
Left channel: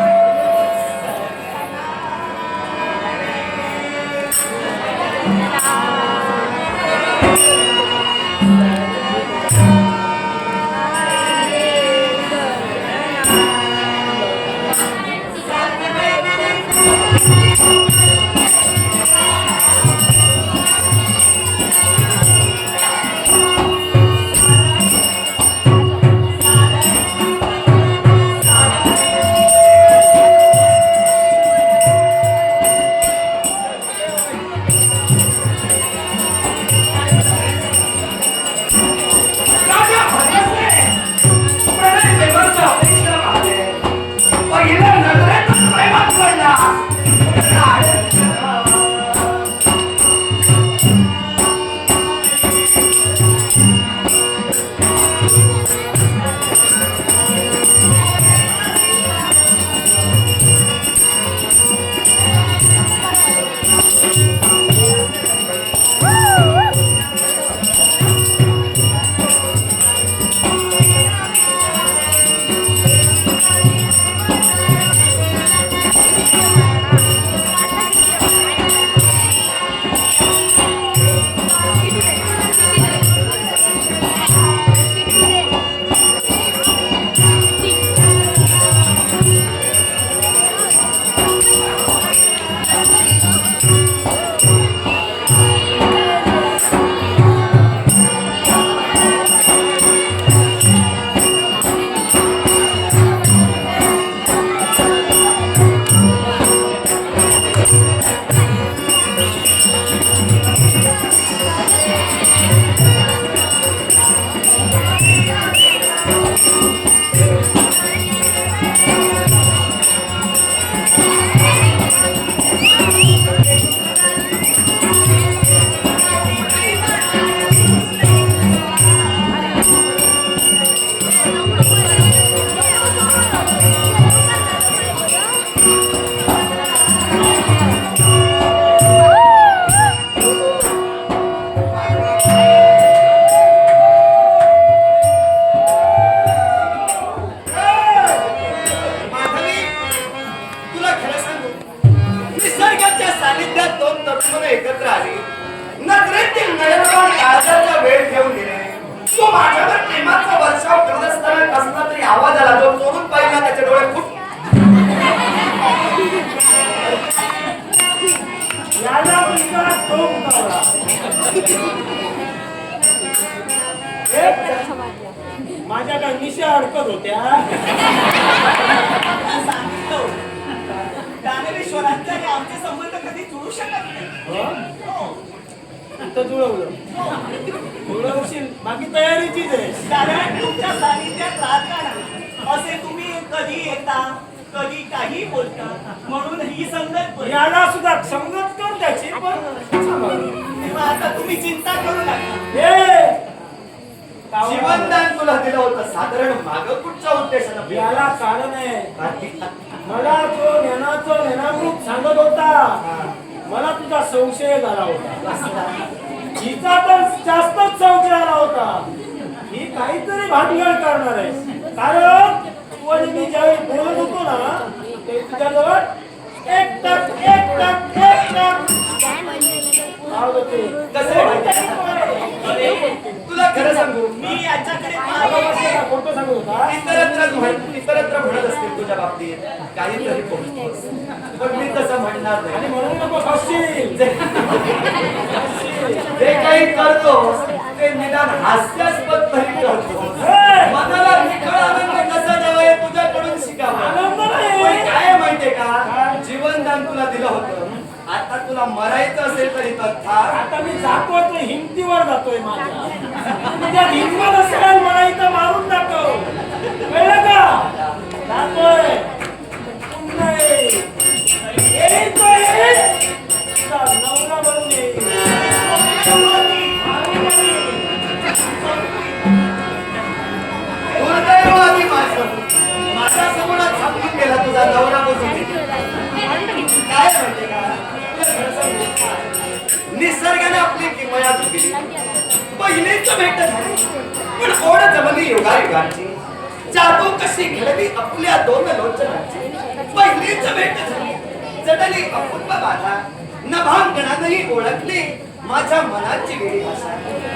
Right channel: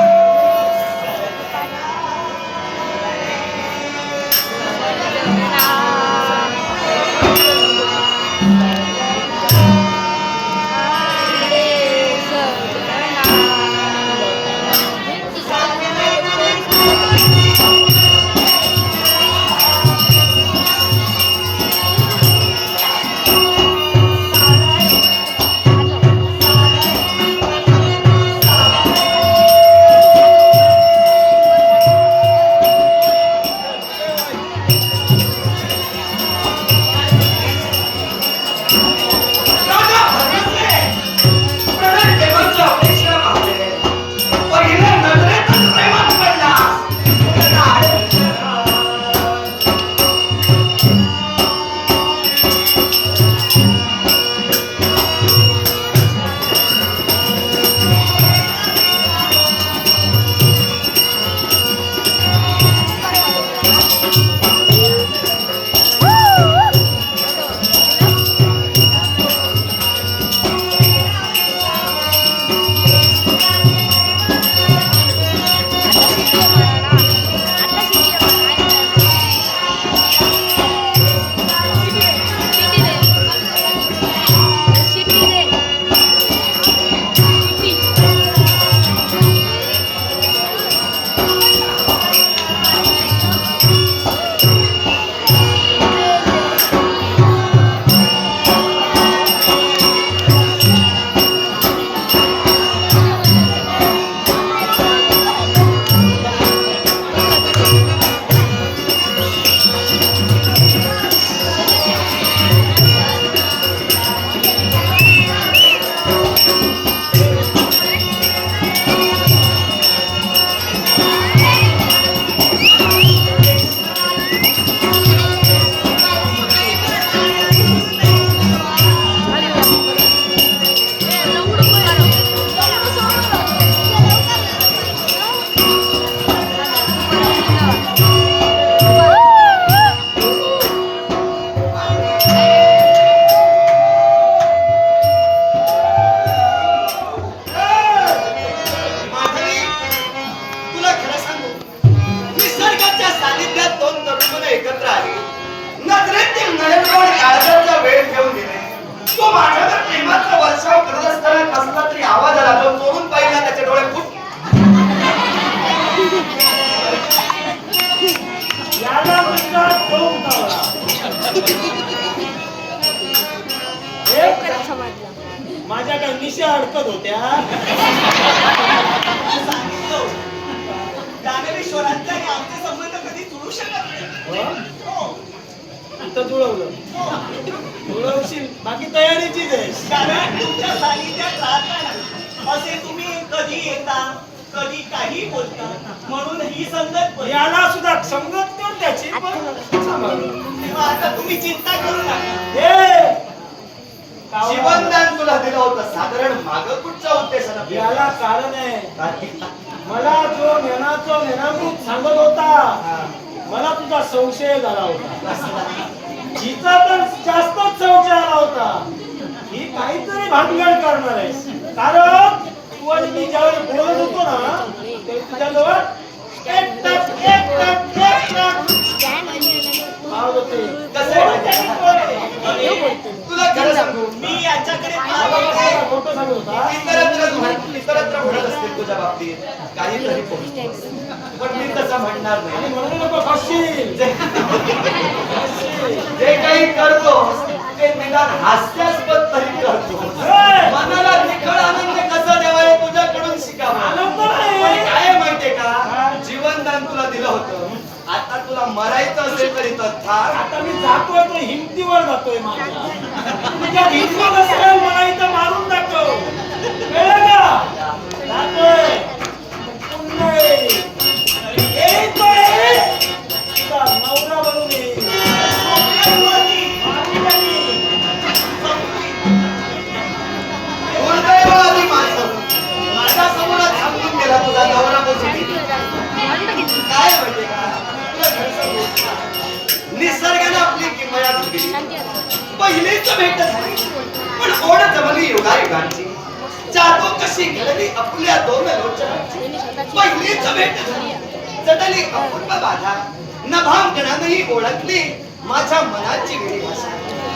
माझ्या काय निशा अडकत होत्या. सांगितलं दानवेश्वरांचे आणि आमचे संबंध कधी जुळू शकत नाही. हो. इथं जुळवलं जुळवशील, बाकी तयारीचीच आहे. कारण तुमच्या सानिध्यात राहताना असे तुम्ही कधी येता कधी काही बोलता, म्हणून ही संगत पडली. याला सुद्धा संगत कर त्याची, पण तेव्हा आता तुम्ही चिंता करू नका. हे जीवनदान तुला दिलं होतं, साधारण मागं कुठच्या उद्देशानं? याला कारण आहे. मला जो ज्ञानाचं ज्ञानामृत सांगत होता, मला तुझा संशय झाला होता. हिचा तर जास्त ही काहीतरी भानगड करणार आहे. कारण तू आणि मी ज्यावेळी बोलत होतो ना ते तुझ्याजवळ एक टक आवाज होते. कसं आहे? कोणत्याही पोरे. तुला खरं सांगू मी याच्याकडे मला पाहत बसलेला खोटं सांगत होता. इतरत्र म्हणत असतील तुझ्या बाबतीत काहीतरी पोहोचतोस. पण मी तसं म्हणणार आणि नाही. म्हणून नको फसशील. जे काही करतो ते निदान हास्यास्पद तरी करतो. हे! मनाला निखळ आनंद कसा द्यावा हे तुझ्याकडून शिकावं. आनंद नाही. पण काय आहे माहितीये का, जीवनदान तुला दिलं होतं. आता तुला मरायचं असेल तरी तत्काळ आता मी जातोय तो हिमतीवर जातोय माझ्या. तुझ्या हिमत असेल मला इथं मारून दाखव. कळलं का? जातोय. पुन्हा ये. येतोय. तुझा नवरा बनून ये. दुर्दैवाने माझ्या समोरात थांबून गेला तुझा नवरा बसून. काय आहे माहितीये का, तुला खरं सांगू, निसर्गाने आपली किमया दिली. पहिलीच भेट झाली पण ओढ जमली युगायुगांची. जादू कशी घडली आपल्या दोन लोचनांची. पहिलीच भेट झाली जडली अपूर्व बाधा. नभांगणातही ओळखली माझ्या मनाची वेळी भाषा.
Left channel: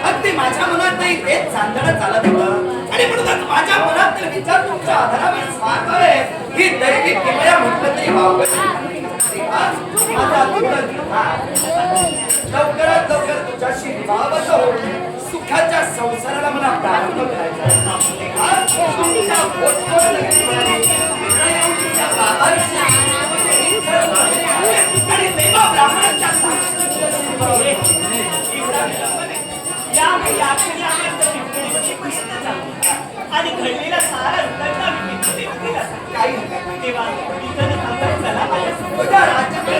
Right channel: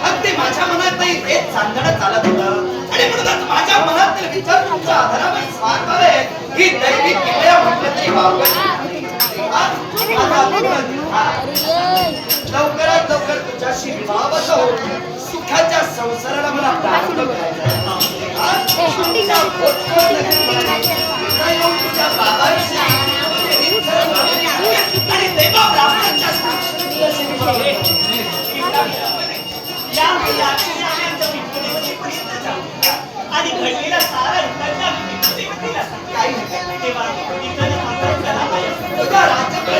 अगदी माझ्या मनातही तेच चांदणं चालत होतं. आणि म्हणूनच माझ्या मनातील विचार तुमच्या आधारावर स्वारणारे ही दैविक किमया म्हटलं तरी वावगं नाही. माझा आत्मन निर्धार लवकरात लवकर तुझ्याशी विवाहबद्ध होऊन सुखाच्या संसाराला मला प्रारंभ करायचा आहे. तुमच्या पोटपोट नक्की म्हणाली तिथं येऊन तुझ्या बाबांशी आणि देवा ब्राह्मणांच्या साक्षी तुझ्याशी विवाह होतो. या मुलाक्षणी आम्ही आमच्या पिंपळीवरती पर्यंत जाऊ आणि घडलेला सारा रुग्णांचा विपत्तीला सांगू. काही नाही. तेव्हा इथं न थांबता चला माझ्या तुझ्या राज्याकडे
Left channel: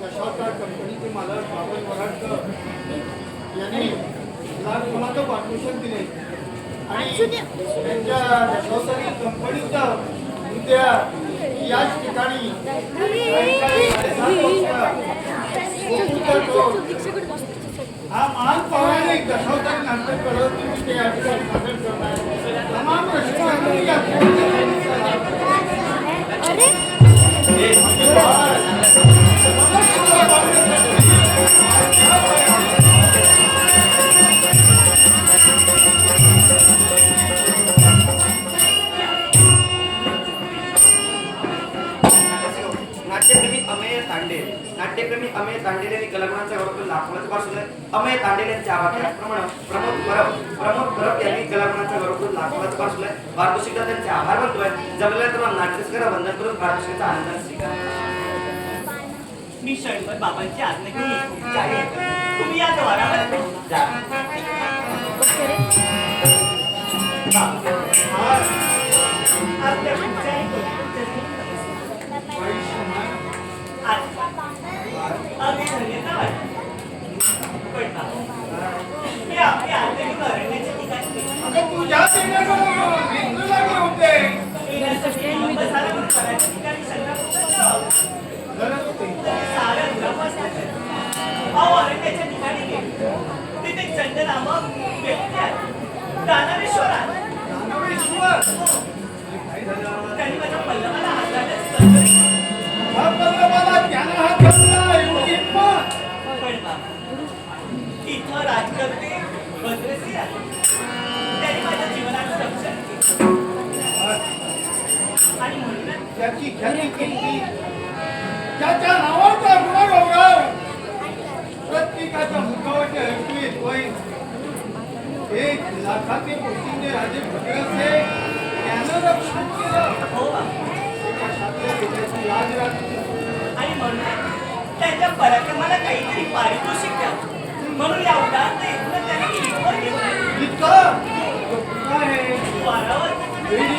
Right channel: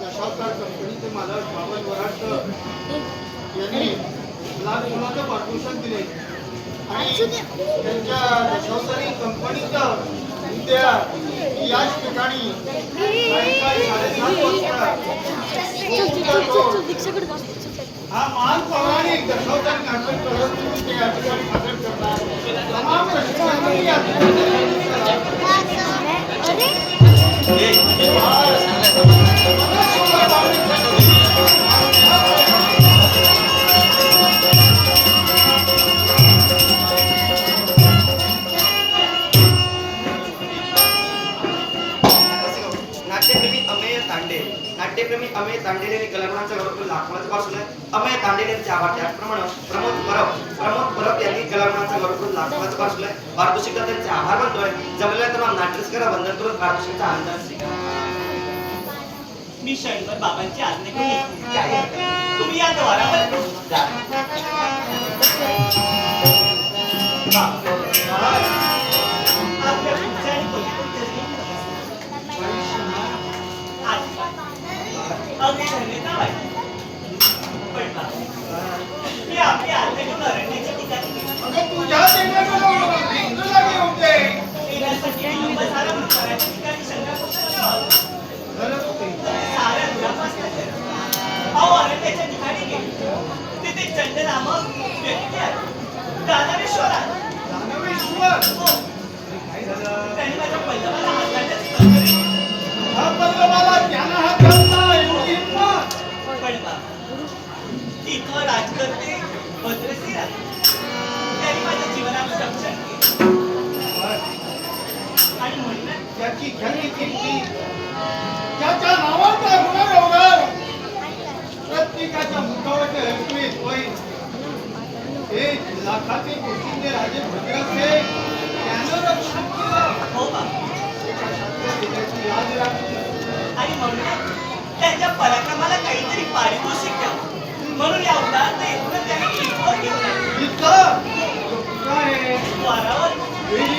दशावतार कंपनीचे मालक बाबा वराडकर यांनी लाख मुलाचं पारितोषिक दिले आणि त्यांच्या दशावतारी कंपनीचं उद्या याच ठिकाणी सायंकाळी 7:30 वाजता गोकुळचा तो हा महान पौराणिक दशावतारी नाटक करत तुम्ही ते या ठिकाणी सादर करणार. तमाम रसिकांनी या चित्रपटाचा लाभ नाट्यप्रेमी अमेय तांडेल यांनी कलागुणांचा गौरव लाखोंचा पासून अमेय तांडेल यांच्या आवाज त्याचप्रमाणे प्रमोद परब यांनी कलागुणांचा गौरव लाखोंचा पासून पारितोषिक त्यांचे आभार मानतोय. जमलेल्या तरुण नाट्यस्करा वंदन करून पारितोषिकचा आनंद स्वीकार. मी क्षणभर बाबांची आज्ञा घेऊन येतो. तुम्ही या द्वारावर जा. आपल्या पुढच्या आणि पलीकडच्या अगदी धन्यता वाटते. पण मी आपली आज्ञा घेऊन अरण्याच्या ठिकाणी गेलो. अगं तुझ्या लागे होते येण्यासाठी विलंब झाला म्हणून बऱ्याच ठिकाणी शंका होतं. साऱ्या दुरापासना केला. अहो अरण्याच्या ठिकाणी गेलो. तिथे चंड नामक व्यक्ती आली. दानवेश्वर आला. हो. त्यांनी माझ्या पल्लवाला हात घालण्याची तत्परता. हा पल्लवाला त्यानं हात घातला एवढी हिंमत. पण बाबा इथं राजकर्ते भद्रसिंह आले. त्यांनी माझ्या जीवनाचं रक्षण केलं आणि म्हणून त्याची ख्याती केली. त्याच्या नावाचा गुणगौरव प्रत्येकाच्या मुखावरचे ऐकू येतोय. हे लाखाचे पोशिंदे राजे भद्रसेन त्यानं रक्षण केलं. हो बाबा एका शास्त्र देण्याची याद राखली. आणि म्हणून त्यांच्या पराक्रमाला काहीतरी पारितोषिक द्यावं म्हणून या उदाहरण येथून त्यांनी इथवर घेऊन आले. इतकं तो कुठं आहे? द्वारावर वेळी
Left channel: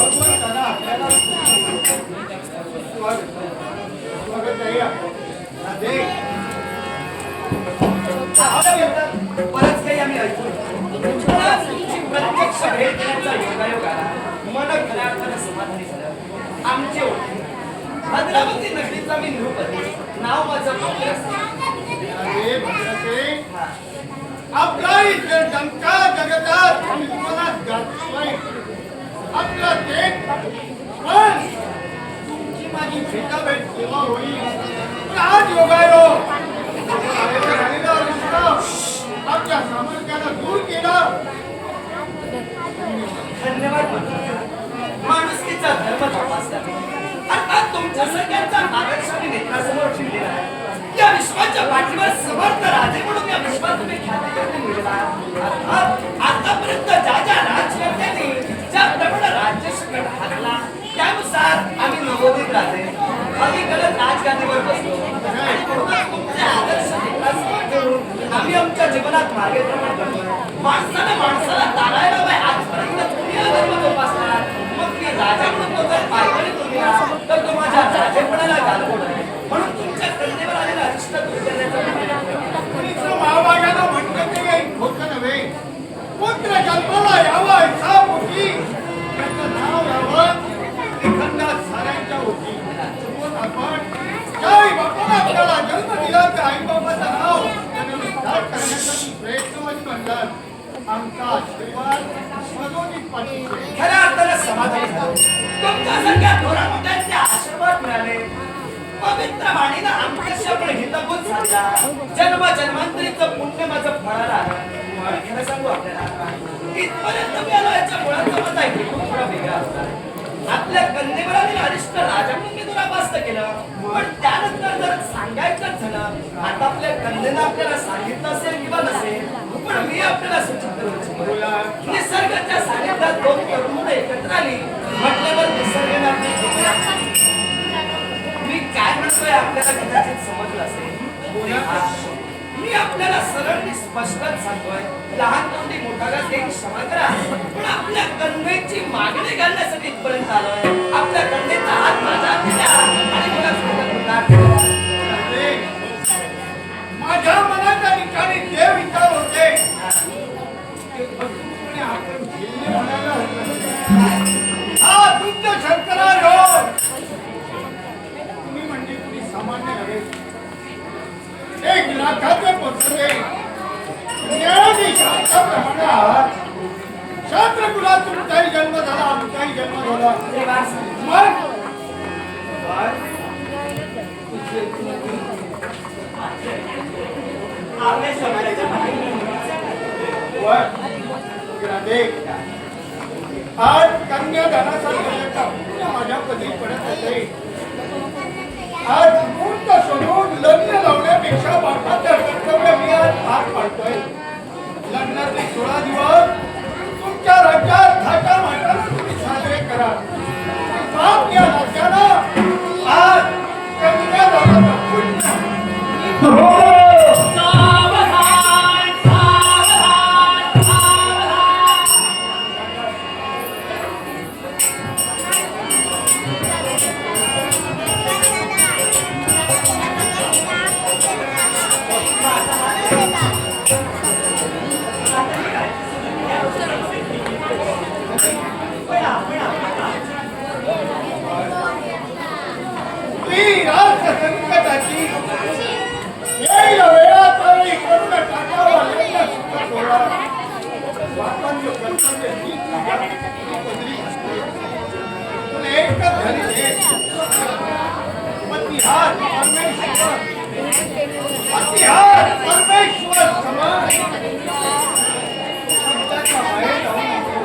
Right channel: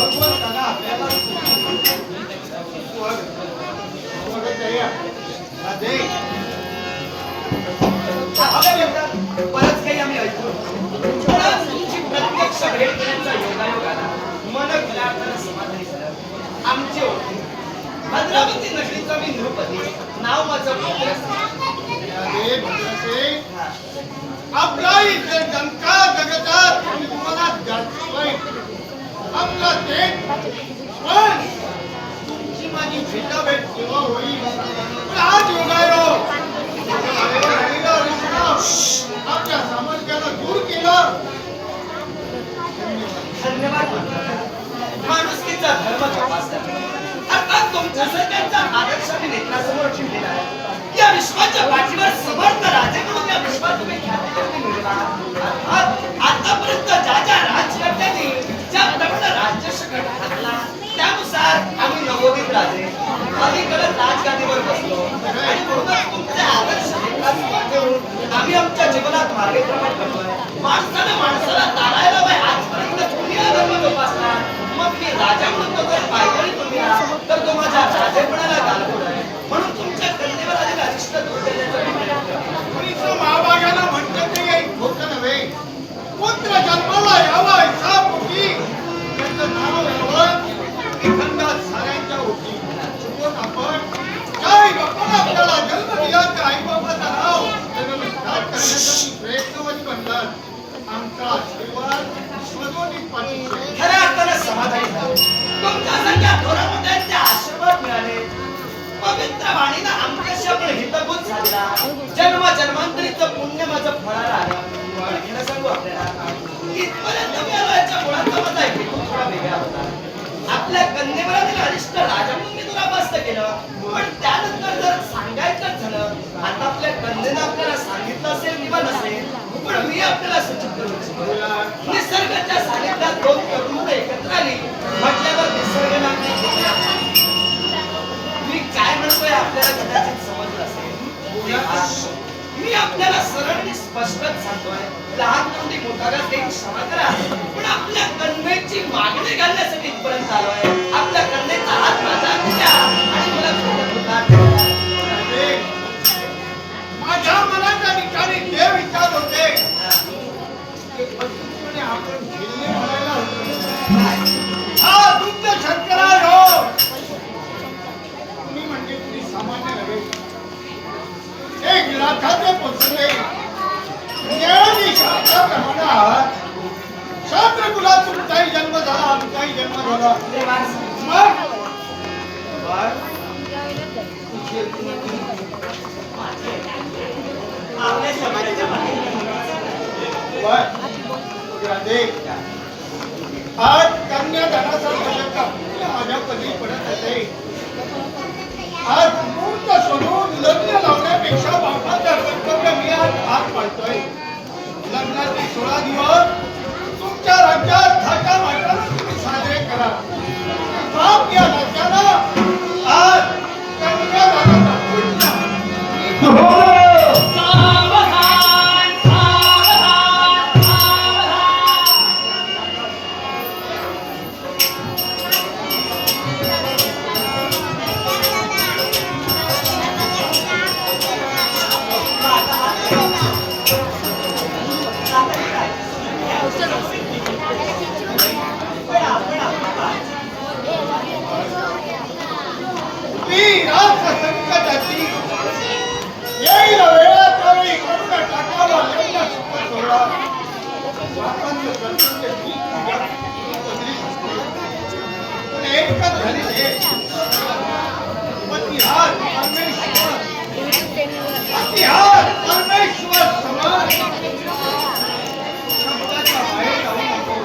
भगवंताला आपल्याला स्वागत आहे. राधे बरंच काही आम्ही ऐकलो खरंच तुमची प्रत्यक्ष भेट देण्याचा योगायोग आला. मन खऱ्या अर्थानं समाधानी झालं. आमची ओळख भद्रावती नगरीचा मी नृपती, नाव माझं भद्रसेन. राधे भद्रसेन, आपला इथे डंका जगतात तुम्हाला गाजतोय. आपला तेच पण तुमची माझी भेटाभेट केव्हा होईल? पण आज योगायोग राहिला विश्राम आपल्या सामर्थ्याला दूर केला. धन्यवाद म्हणतात. माणुसकीचा धर्म जोपासला अर्थात तुमच्या सगळ्यांचा आदर्श मी नेत्रासमोर ठेवलेला आहे. या विश्वाच्या पाठीवर समर्थ राजे म्हणून या विश्वात तुम्ही ख्याती मिळवला. अर्थात आतापर्यंत ज्या ज्या राजकर्त्यांनी ज्या प्रमाणे राज्यशक्ती हाकला त्यानुसार आम्ही नवोदित राजे अलीकडे राजगादीवर बसलो आणि म्हणूनच तुमचे आदर्श नेत्रासमोर ठेवून आम्ही आमच्या जीवनात मार्गक्रमण करतोय. माणसाला तारायला बाय आजपर्यंत तुम्ही हा धर्म जोपासणार. मग मी राजा म्हणून तो जर पायदळी तुम्ही तर तो माझ्या राजेपणाला गालबोट आहे. म्हणून तुमच्या कन्येवर आलेला अरिष्ट दूर करण्याचा प्रयत्न करतो. मुलीचं महाभागाला म्हणतं ते काही होतं नव्हे. पुत्र जन्माला यावा असा पोटी त्याचं नाव यावं एखाद्या साऱ्यांच्या ओठी. चुकून आपण ज्या आई बापाला आपल्याला जन्म दिला त्या आई बाबाचं नाव त्यांना विस्तार करण्यासाठी प्रयत्नवत बनलात. आमचा आशीर्वाद मधोनीत पाठीशी. खऱ्या अर्थानं समाधानी झालो. तुमच्यासारख्या थोरामोठ्यांचे आशीर्वाद मिळाले. पवित्र वाणीनं आमच्याशी आपण हितगुज झालेला जन्म जन्मांतरीचं पुण्य माझं फळाला आलं. खरं सांगू आपल्याला इथपर्यंत मी आलो याच्या मुळाचा माझा हेतू थोडा वेगळा होता. आपल्या कन्येवर आलेला अरिष्ट राजा म्हणून मी तुला पास्त केलं. पण त्यानंतर जर सांगायचंच झालं आता आपल्या कन्येनं आपल्याला सांगितलं असेल किंवा नसेल पण मी आपल्याला सूचित करू इच्छितो. निसर्गाच्या सानिध्यात दोन तरुण मुलं एकत्र आली म्हटल्यावर निसर्गाने आपली कृपया झाली. मी काय म्हणतोय आपल्याला कदाचित समजलं असेल. मी आपल्याला सरळ आणि स्पष्टच सांगतोय लहान तोंडी मोठा घास काही क्षमा करा पण आपल्या कन्येची मागणी घालण्यासाठी इथपर्यंत आलोय. आपल्या कन्येचा हात माझा दिला आणि मला कृतज्ञता ठेवा. माझ्या मनाच्या ठिकाणी जे विचार होते ते पद्धतीने आपण झेलणे म्हणायला हरकत. हा तुमच्या शंकरा योग तुम्ही म्हणजे कुणी सामान्य नव्हे. 1 लाखाचे पुस्तके ज्ञानी शास्त्राप्रमाणे आहात. शास्त्र कुलात तुमचाही जन्म झाला आमचाही जन्म झाला. मग आपल्या शब्दाच्या बाहेर आज कन्यादानासारखं माझ्या पदरी पडत असे. आज मुहूर्त सोडून लग्न लावण्यापेक्षा बापाचं कर्तव्य मी आज पार पाडतोय. लग्नाचे 16 दिवस तुमच्या राज्यात थाटामाटानं तुम्ही साजरे करा. बाप या नात्याला आज कन्यादानाचा पुण्य संकटाची येईल वेळा त्यावेळी करून टाकावा लग्न सुख सोहळा. बापांचं कर्तव्य मी तुझ्या पदरी असते. पण एकच झाली हे पतिहार परमेश्वर पतिहार परमेश्वर समान शब्दाच्या बाहेर जाऊ नको.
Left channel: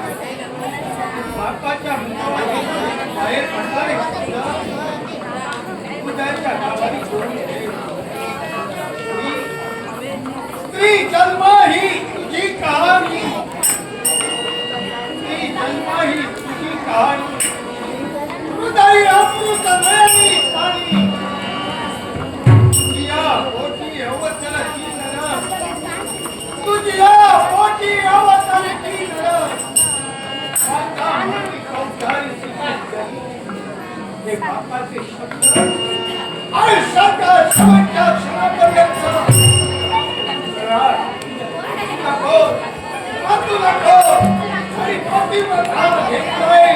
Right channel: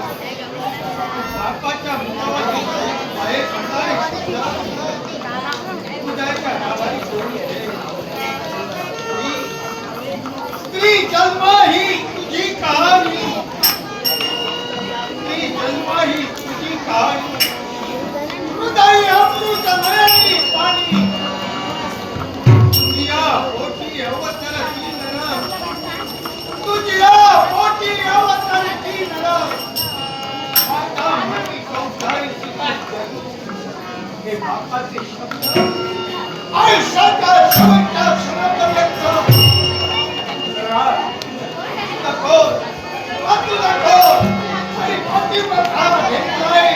बापाच्या मुखावर बाहेर पडणारे शब्द उदयाच्या नावाने सोडून दे. स्त्री जन्म ही तुझी कहाणी. स्त्री जन्म ही तुझी अमृत नयनी पाणी तुझ्या पोटी अवतन की नर तुझ्या पोटी अवतन की नर माता म्हणती कौशाली सुखी हे बापाचे शब्द आयुष्याच्या शेवटच्या क्षणापर्यंत नको वाचू नको आणि पतिव्रता घेतलाय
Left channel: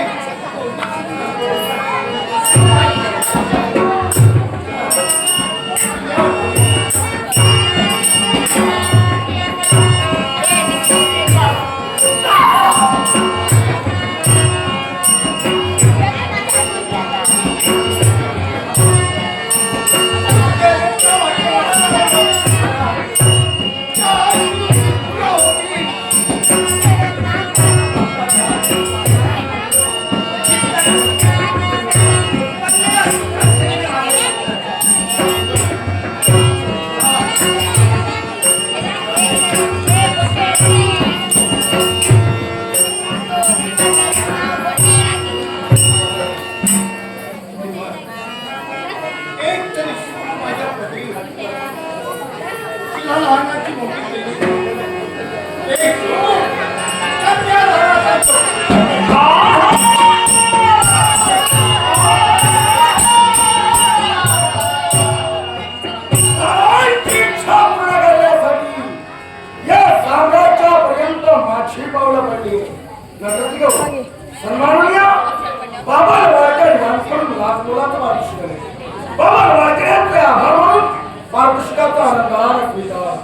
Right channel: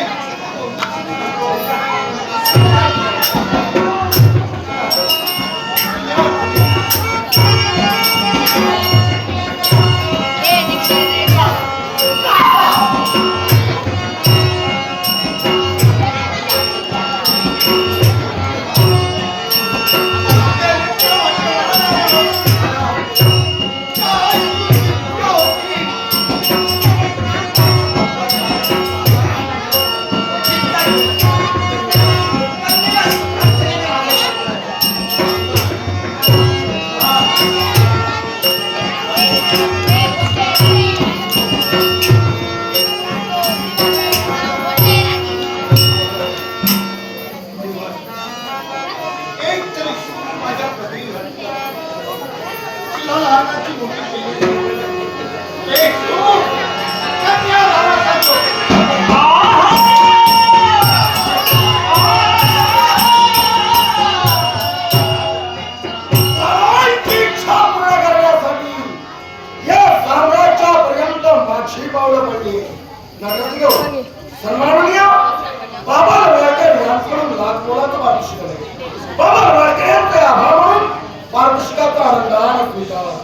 एक तरी सूर माझ्या प्रती घातला तुला लहानाची मोठी केली एक सूर कन्या लहानाचा तारांची इच्छा पूर्ण करण्यासाठी या साम्राज्यापर्यंत माझी पावलं पडली नगरदेव सन्माननीय बाबा वाळकर यांच्याकडून लाख मोलाचं पारितोषिक आहे. बाबा वाळकर यांचे आभार मानून पारितोषिकाचा आनंदाने स्वीकार.